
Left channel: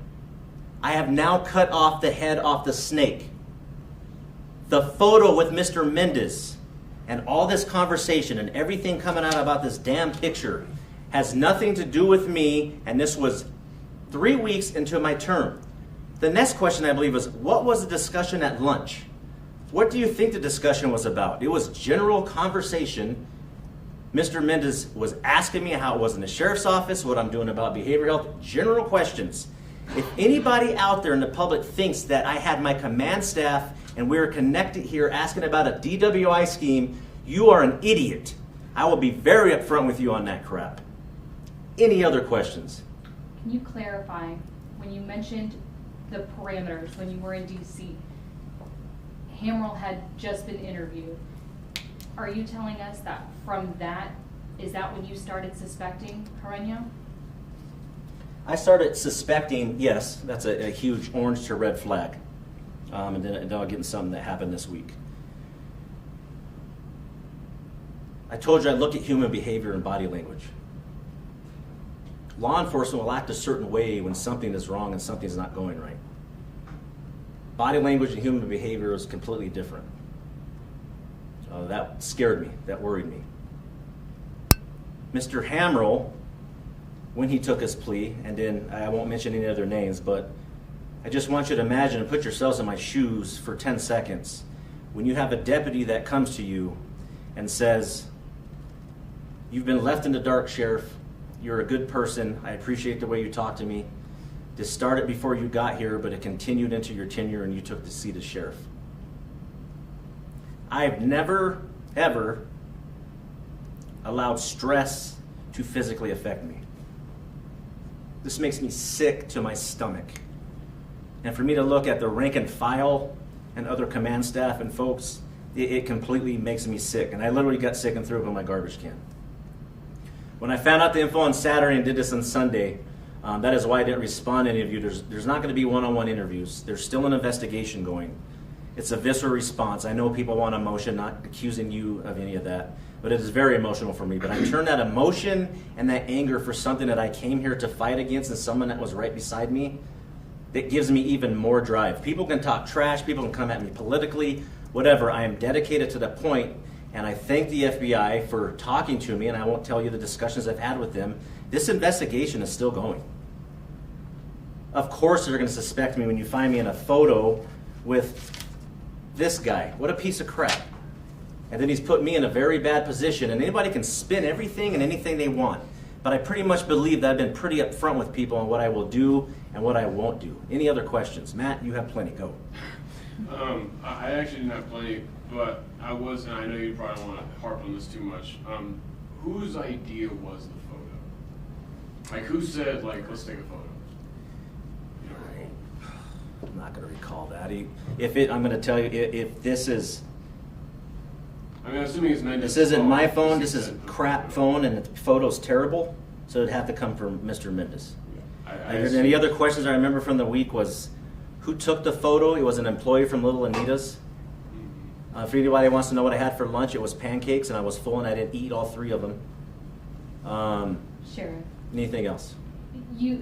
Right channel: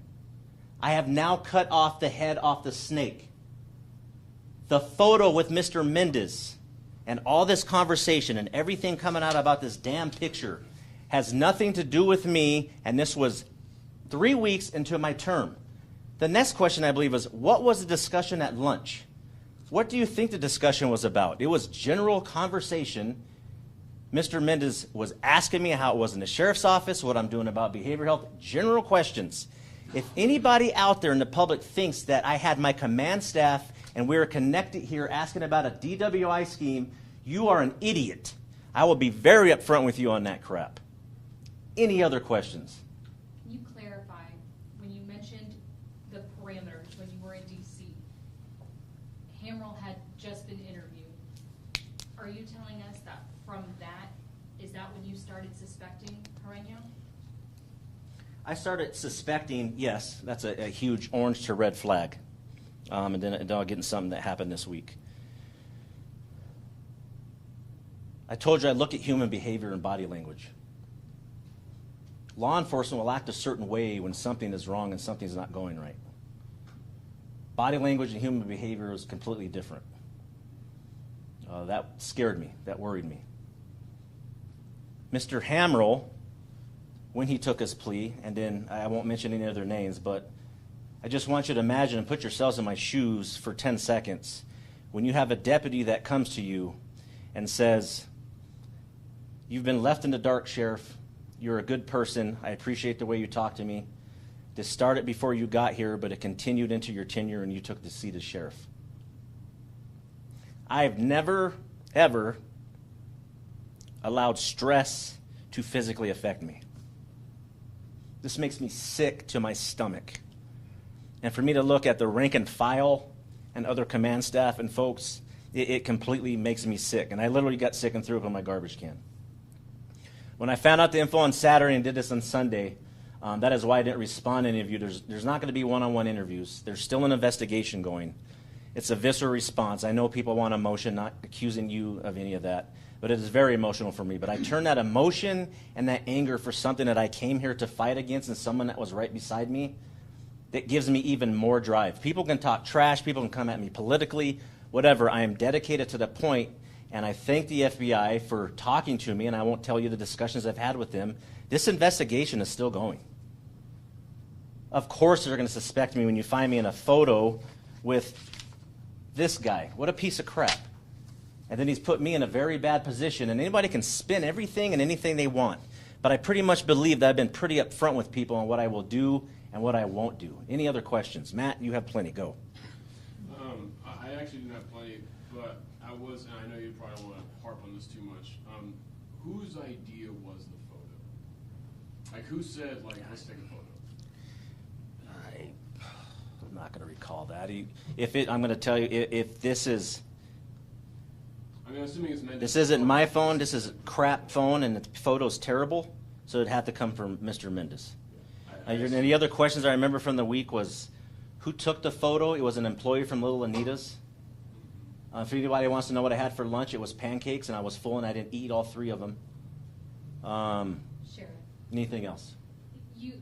I have now cut off the head off the snake. The photo with Mr. Mendez and all this conversation and everything coming out about this damn picture has nothing to do with me, and this was 3 weeks into my term. The next question, I believe, was, what was the discussion at lunch? What do you think the discussion was about? It was general conversation. Mr. Mendez was asking me how it was in the sheriff's office, what I'm doing about behavioral health, general questions. If anybody out there in the public thinks that I had my command staff and we were connected here asking about a DWI scheme, you are an idiot. I will be very upfront with you on that crap. Any other questions? Can you clarify, when you mentioned the parameters, when you were in DC, Hamrell had just been interviewed. Are you telling us that from that, is that when you started suspecting Carreño? I started suspecting, yes, that's a huge orange to red flag. And then I'll get into something that happened this week. I told you I look at human behavior and body language. Law enforcement will act a certain way when something is wrong and something's not going right. Body language and human behavior is completely different. That scared me. That worried me. Mr. Hamrell, when he took his plea, and then I won't mention any other names, but I just want you to imagine and put yourselves in my shoes for 10 seconds. When you have a deputy that comes to you and says, "You've been left in the dark, Sheriff. You're a good person. I appreciate the way you talk to me. This started before you got here, but it continued into your tenure and you took the seat as sheriff." I've never, ever allowed stress to physically affect me. This makes me sick to my stomach. And for me to look at the rank and file and other command staff and folks, it completely makes me sick. And I literally got sick and threw it in my garbage can. When I found out the info on Saturday and did this on Sunday, that is why I didn't respond to any of you. There's not going to be one-on-one interviews. There's still an investigation going. It's a visceral response. I know people want emotion, not accusing you of any of that, but it is very emotional for me. But I turn that emotion and that anger for something that I came here to fight against and someone that was right beside me. That gives me even more drive. People can talk trash, people can come at me politically, whatever. I am dedicated to that point, and I thank the FBI for talking to me, and I won't tell you the discussions I've had with them. This investigation is still going. Of course they're going to suspect me when you find me in a photo with this guy. What a piece of crap. And then he's put me in a very bad position, and anybody can spin everything and anything they want. But I pretty much believe that I've been pretty upfront with people on what I will do and what I won't do. Any other questions? Matt, you have plenty. Go. I actually didn't have plenty, but I was, and I know you probably don't want to harp on this too much. Whose idea was the photo? Like, who said, like, let's take a photo? I'm not going to recall that. I'm going to tell you, if this is... I mean, assuming it's meant. This isn't my phone, this is a crap phone, and the photo's terrible, so it'd have to come from Mr. Mendez. And any other questions I remember from the week was, who took the photo? It was an employee from Little Anita's. If anybody wants to know what I had for lunch, it was pancakes, and I was full, and I didn't eat all 3 of them. Sheriff. Anything else?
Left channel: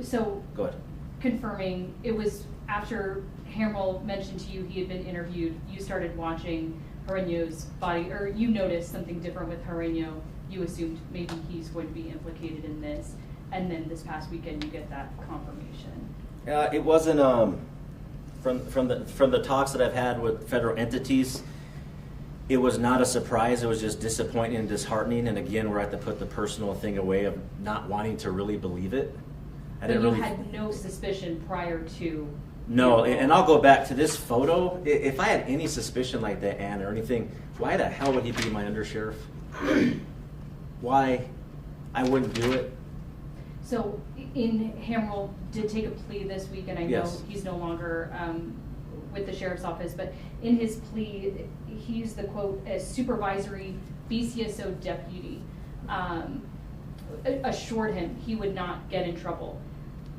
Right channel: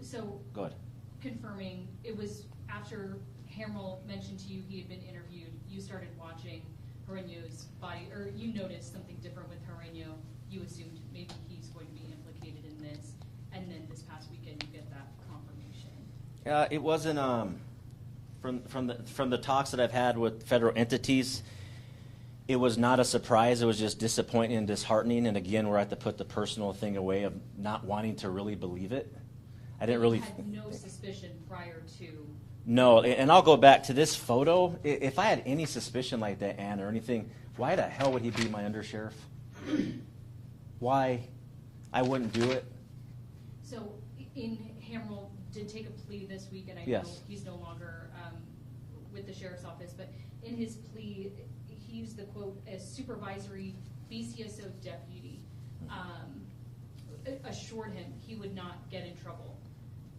So Go ahead. confirming, it was after Hamrell mentioned to you he had been interviewed, you started watching Carreño's body, or you noticed something different with Carreño. You assumed maybe he's going to be implicated in this, and then this past weekend you get that confirmation. It wasn't from the talks that I've had with federal entities. It was not a surprise. It was just disappointing and disheartening. And again, where I have to put the personal thing away of not wanting to really believe it. I didn't really had no suspicion prior to. No, and I'll go back to this photo. If I had any suspicion like that, Ann, or anything, why the hell would he be my undersheriff? Why? I wouldn't do it. So in Hamrell did take a plea this week, and I know Yes. he's no longer with the sheriff's office, but in his plea, he used the quote, "a supervisory BCSO deputy assured him he would not get in trouble."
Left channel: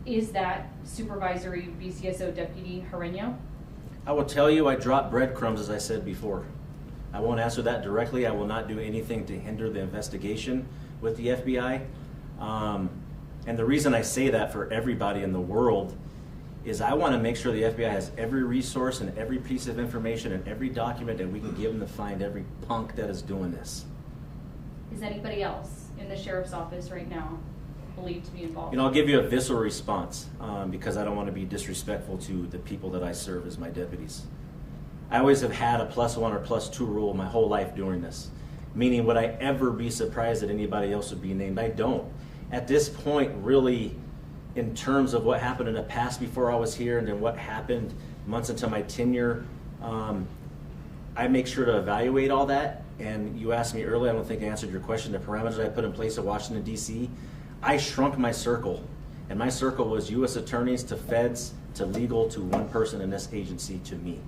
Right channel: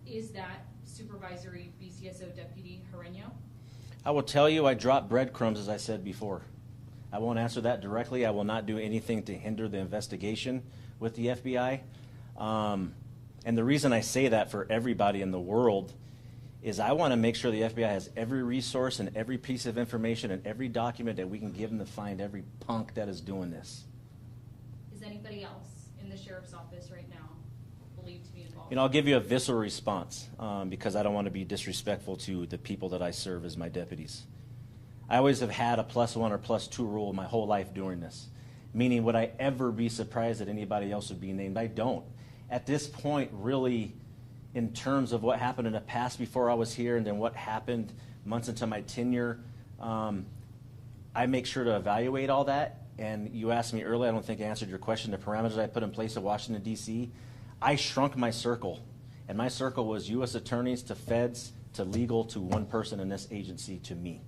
Is that supervisory BCSO deputy Herreño? I will tell you, I dropped breadcrumbs, as I said before. I won't answer that directly. I will not do anything to hinder the investigation with the FBI. And the reason I say that for everybody in the world is I want to make sure the FBI has every resource and every piece of information and every document that we can give them to find every punk that is doing this. Is anybody else in the sheriff's office right now believed to be involved? You know, I'll give you a visceral response because I don't want to be disrespectful to the people that I serve as my deputies. I always have had a +1 or +2 rule my whole life doing this. Meaning, would I ever be surprised that anybody else would be named? I don't. At this point, really, in terms of what happened in the past before I was here and then what happened months into my tenure, I make sure to evaluate all that. And you asked me earlier, I don't think I answered your question, the parameters I put in place at Washington, D.C. I shrunk my circle. And my circle was U.S. attorneys to feds to legal to one person in this agency to me.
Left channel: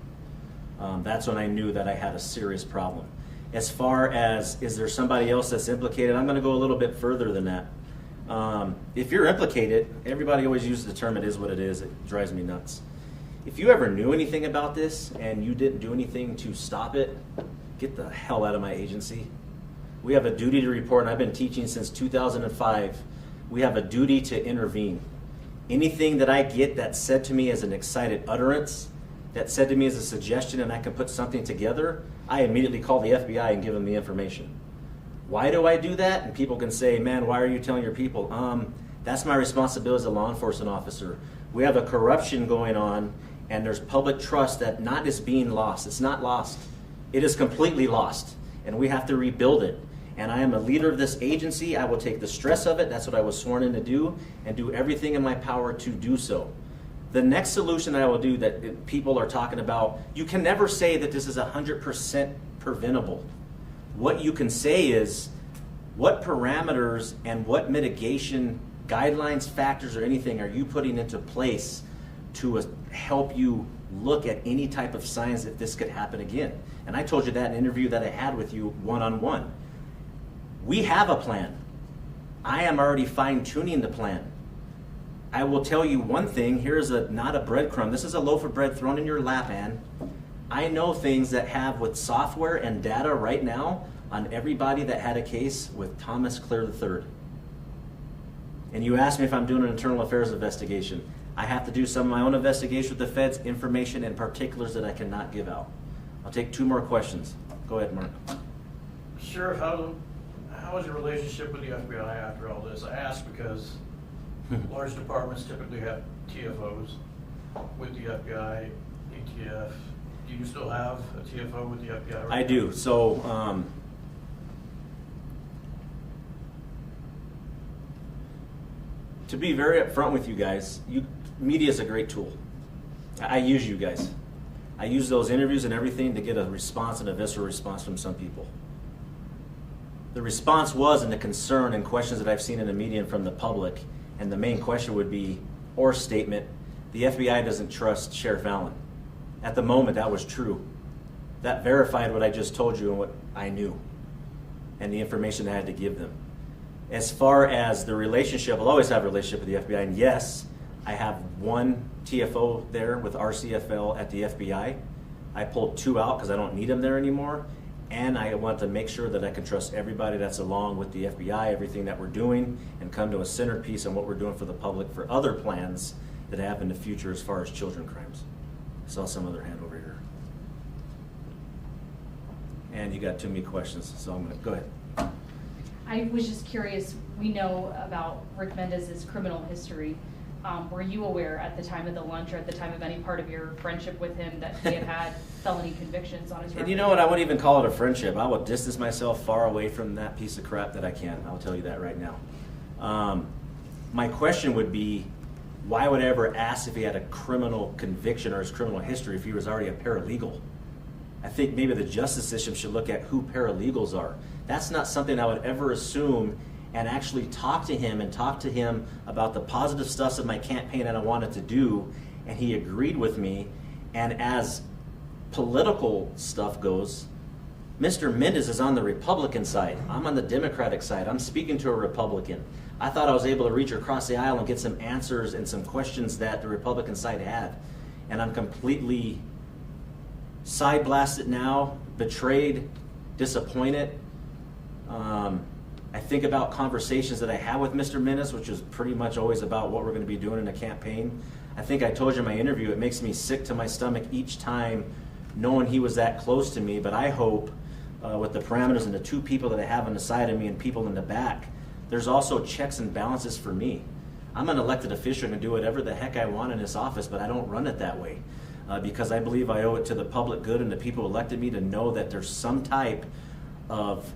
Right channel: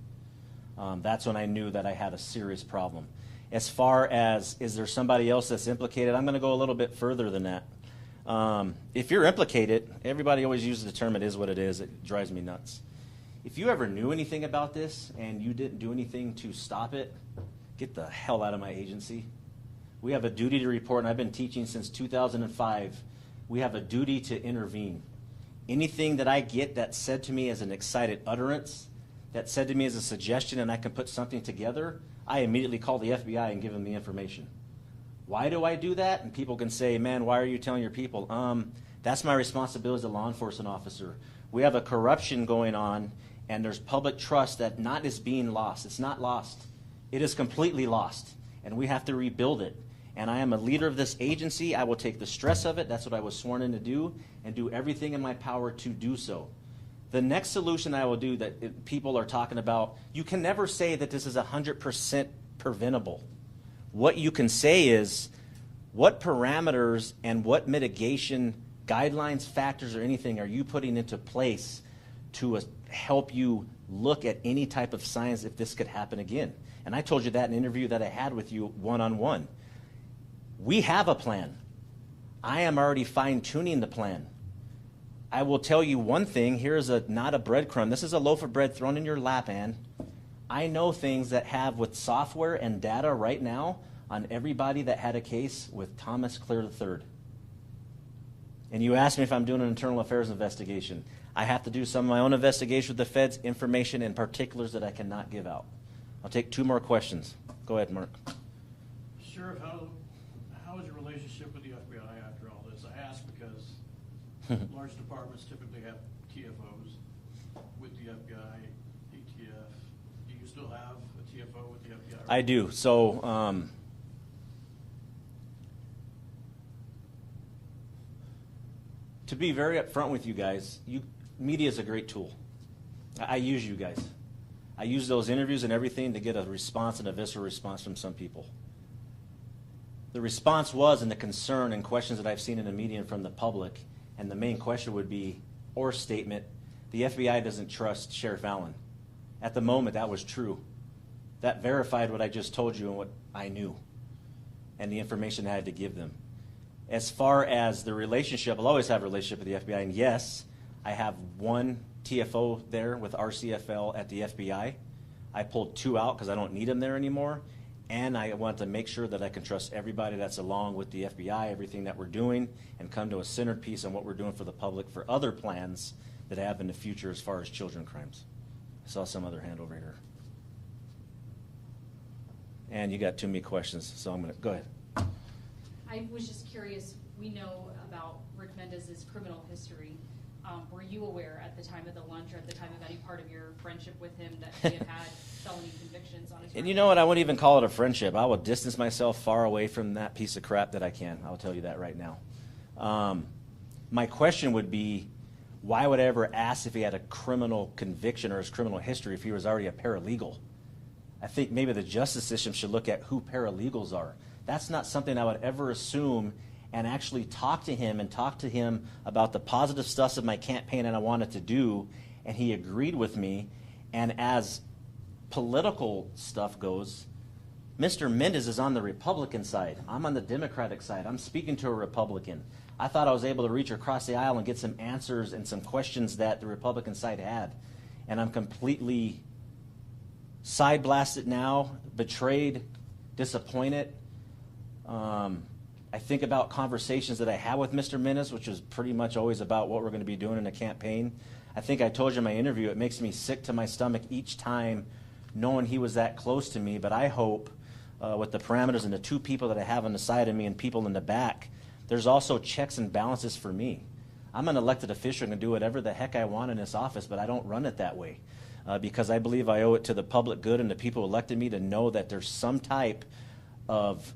That's when I knew that I had a serious problem. As far as, is there somebody else that's implicated, I'm going to go a little bit further than that. If you're implicated, everybody always uses the term "it is what it is." It drives me nuts. If you ever knew anything about this and you didn't do anything to stop it, get the hell out of my agency. We have a duty to report, and I've been teaching since 2005. We have a duty to intervene. Anything that I get that's said to me as an excited utterance, that's said to me as a suggestion, and I can put something together, I immediately call the FBI and give them the information. Why do I do that? And people can say, "Man, why are you telling your people?" That's my responsibility as a law enforcement officer. We have a corruption going on, and there's public trust that not is being lost. It's not lost. It is completely lost, and we have to rebuild it. And I am a leader of this agency. I will take the stress of it. That's what I was sworn in to do, and do everything in my power to do so. The next solution I will do that people are talking about, you can never say that this is 100% preventable. What you can say is, what parameters and what mitigation guidelines, factors, or anything are you putting into place to help you look at any type of signs if this could happen again? And I told you that in an interview that I had with you one-on-one. We have a plan. I am already fine-tuning the plan. I will tell you one thing. Here's not a breadcrumb. This is a loaf of bread thrown in your lap, Ann. I know things that have with software and data right now on everybody that had a case with Thomas Clear III. And you asked me if I'm doing an internal affairs investigation. I have to do some of my own investigation with the feds, information and particulars that I cannot give out. I'll take 2 more questions. Go ahead, Mark. Sheriff, how is your relationship with the FBI after all this? I ask because large departments typically have TFOs with the FBI, ATF. Do you still have a TFO with the FBI? I do. So, to be very upfront with you guys, media is a great tool. I use you guys. I use those interviews and everything to get a response, and a visceral response from some people. The response was, and the concern and questions that I've seen in the media and from the public, and the main question would be, or statement, the FBI doesn't trust Sheriff Allen. At the moment, that was true. That verified what I just told you and what I knew, and the information I had to give them. As far as the relationship, I'll always have a relationship with the FBI, and yes, I have one TFO there with RCFL at the FBI. I pulled 2 out because I don't need them there anymore, and I want to make sure that I can trust everybody that's along with the FBI, everything that we're doing, and come to a centerpiece on what we're doing for the public for other plans that have in the future as far as children crimes. I saw some other hand over here. And you got too many questions, so I'm going to go ahead. I was just curious, we know about Rick Mendez's criminal history. Were you aware at the time of the lunch or at the time of any part of your friendship with him that he had had felony convictions on his record? And you know what? I wouldn't even call it a friendship. I will distance myself far away from that piece of crap that I can. I'll tell you that right now. My question would be, why would I ever ask if he had a criminal conviction or his criminal history if he was already a paralegal? I think maybe the justice system should look at who paralegals are. That's not something I would ever assume and actually talk to him about the positive stuff of my campaign that I wanted to do, and he agreed with me. And as political stuff goes, Mr. Mendez is on the Republican side. I'm on the Democratic side. I'm speaking to a Republican. I thought I was able to reach across the aisle and get some answers and some questions that the Republican side had. And I'm completely side blasted now, betrayed, disappointed. I think about conversations that I had with Mr. Mendez, which is pretty much always about what we're going to be doing in the campaign. I think I told you in my interview, it makes me sick to my stomach each time knowing he was that close to me. But I hope with the parameters and the two people that I have on the side of me and people in the back, there's also checks and balances for me. I'm an elected official and can do whatever the heck I want in this office, but I don't run it that way because I believe I owe it to the public good and the people who elected me to know that there's some type of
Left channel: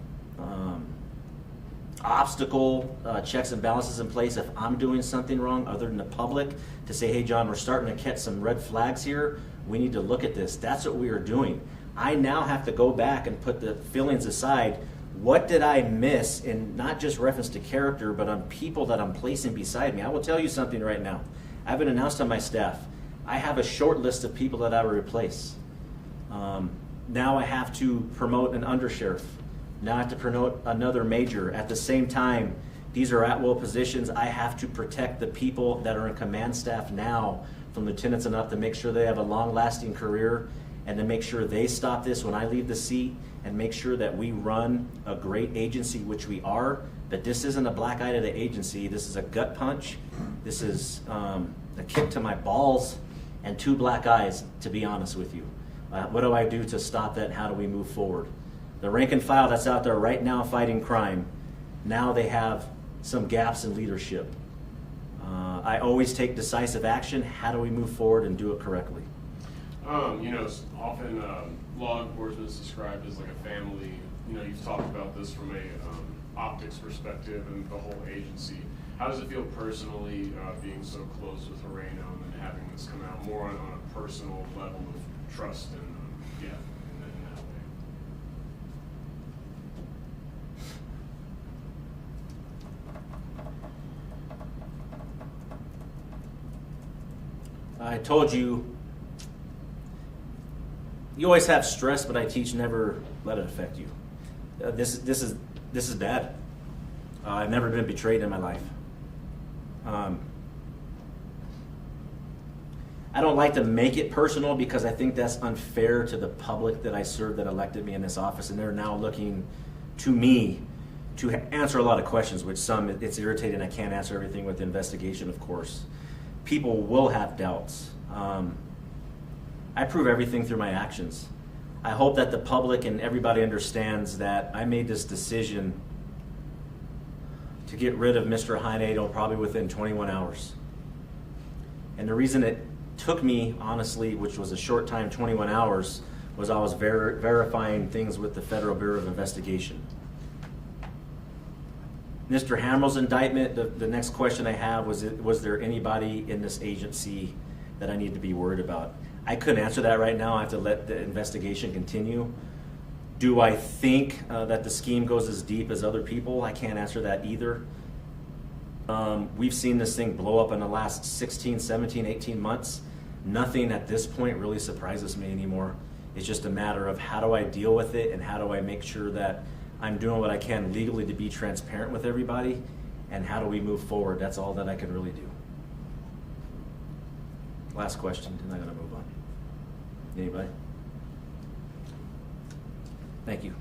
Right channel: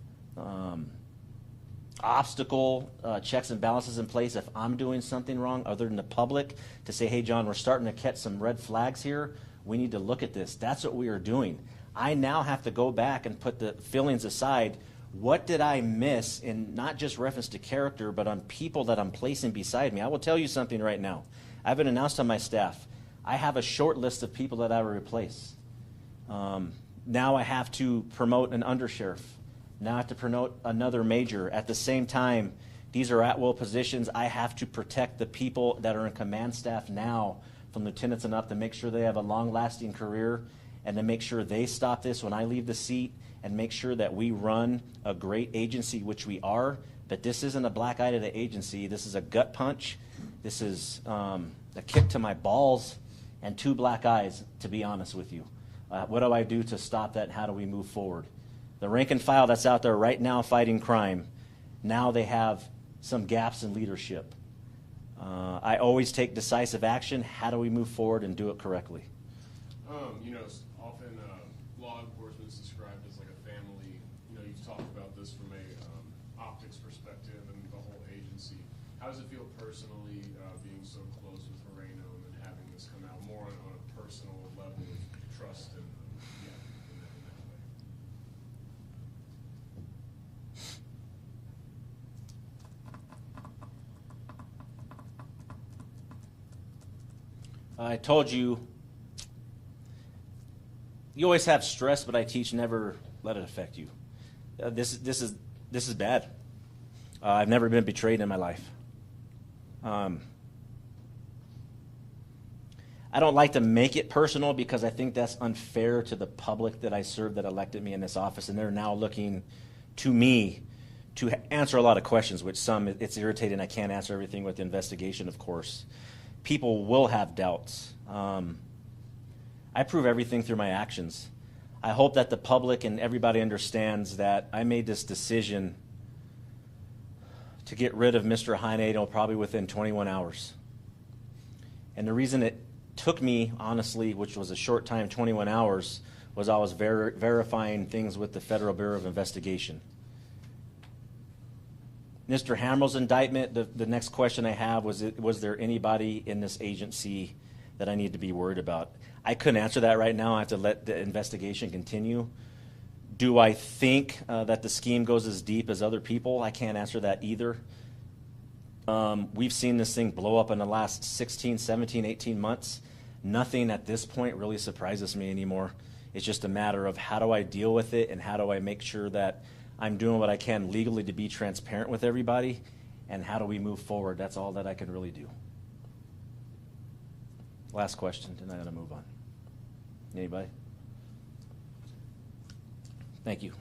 obstacle checks and balances in place if I'm doing something wrong other than the public to say, hey, John, we're starting to catch some red flags here. We need to look at this. That's what we are doing. I now have to go back and put the feelings aside. What did I miss in not just reference to character, but on people that I'm placing beside me? I will tell you something right now. I've been announced on my staff. I have a short list of people that I will replace. Now I have to promote an undersheriff. Now I have to promote another major. At the same time, these are at-will positions. I have to protect the people that are in command staff now from lieutenants and up to make sure they have a long-lasting career and to make sure they stop this when I leave the seat and make sure that we run a great agency, which we are, but this isn't a black eye to the agency. This is a gut punch. This is a kick to my balls and two black eyes, to be honest with you. What do I do to stop that, and how do we move forward? The rank and file that's out there right now fighting crime, now they have some gaps in leadership. I always take decisive action. How do we move forward and do it correctly? You know, often law enforcement is described as like a family. You know, you've talked about this from a optics perspective and the whole agency. How does it feel personally being so close with Moreno and having this come out more on a personal level of trust and in that way? I told you, you always have stress, but I teach never let it affect you. This is bad. I've never been betrayed in my life. I don't like to make it personal because I think that's unfair to the public that I serve that elected me in this office, and they're now looking to me to answer a lot of questions, which some it's irritating. I can't answer everything with the investigation, of course. People will have doubts. I prove everything through my actions. I hope that the public and everybody understands that I made this decision to get rid of Mr. Hynado probably within 21 hours. And the reason it took me, honestly, which was a short time, 21 hours, was I was verifying things with the Federal Bureau of Investigation. Mr. Hammer's indictment, the next question I have was there anybody in this agency that I need to be worried about? I couldn't answer that right now. I have to let the investigation continue. Do I think that the scheme goes as deep as other people? I can't answer that either. We've seen this thing blow up in the last 16, 17, 18 months. Nothing at this point really surprises me anymore. It's just a matter of how do I deal with it and how do I make sure that I'm doing what I can legally to be transparent with everybody, and how do we move forward? That's all that I can really do. Last question, and I'm going to move on. Anybody? Thank you.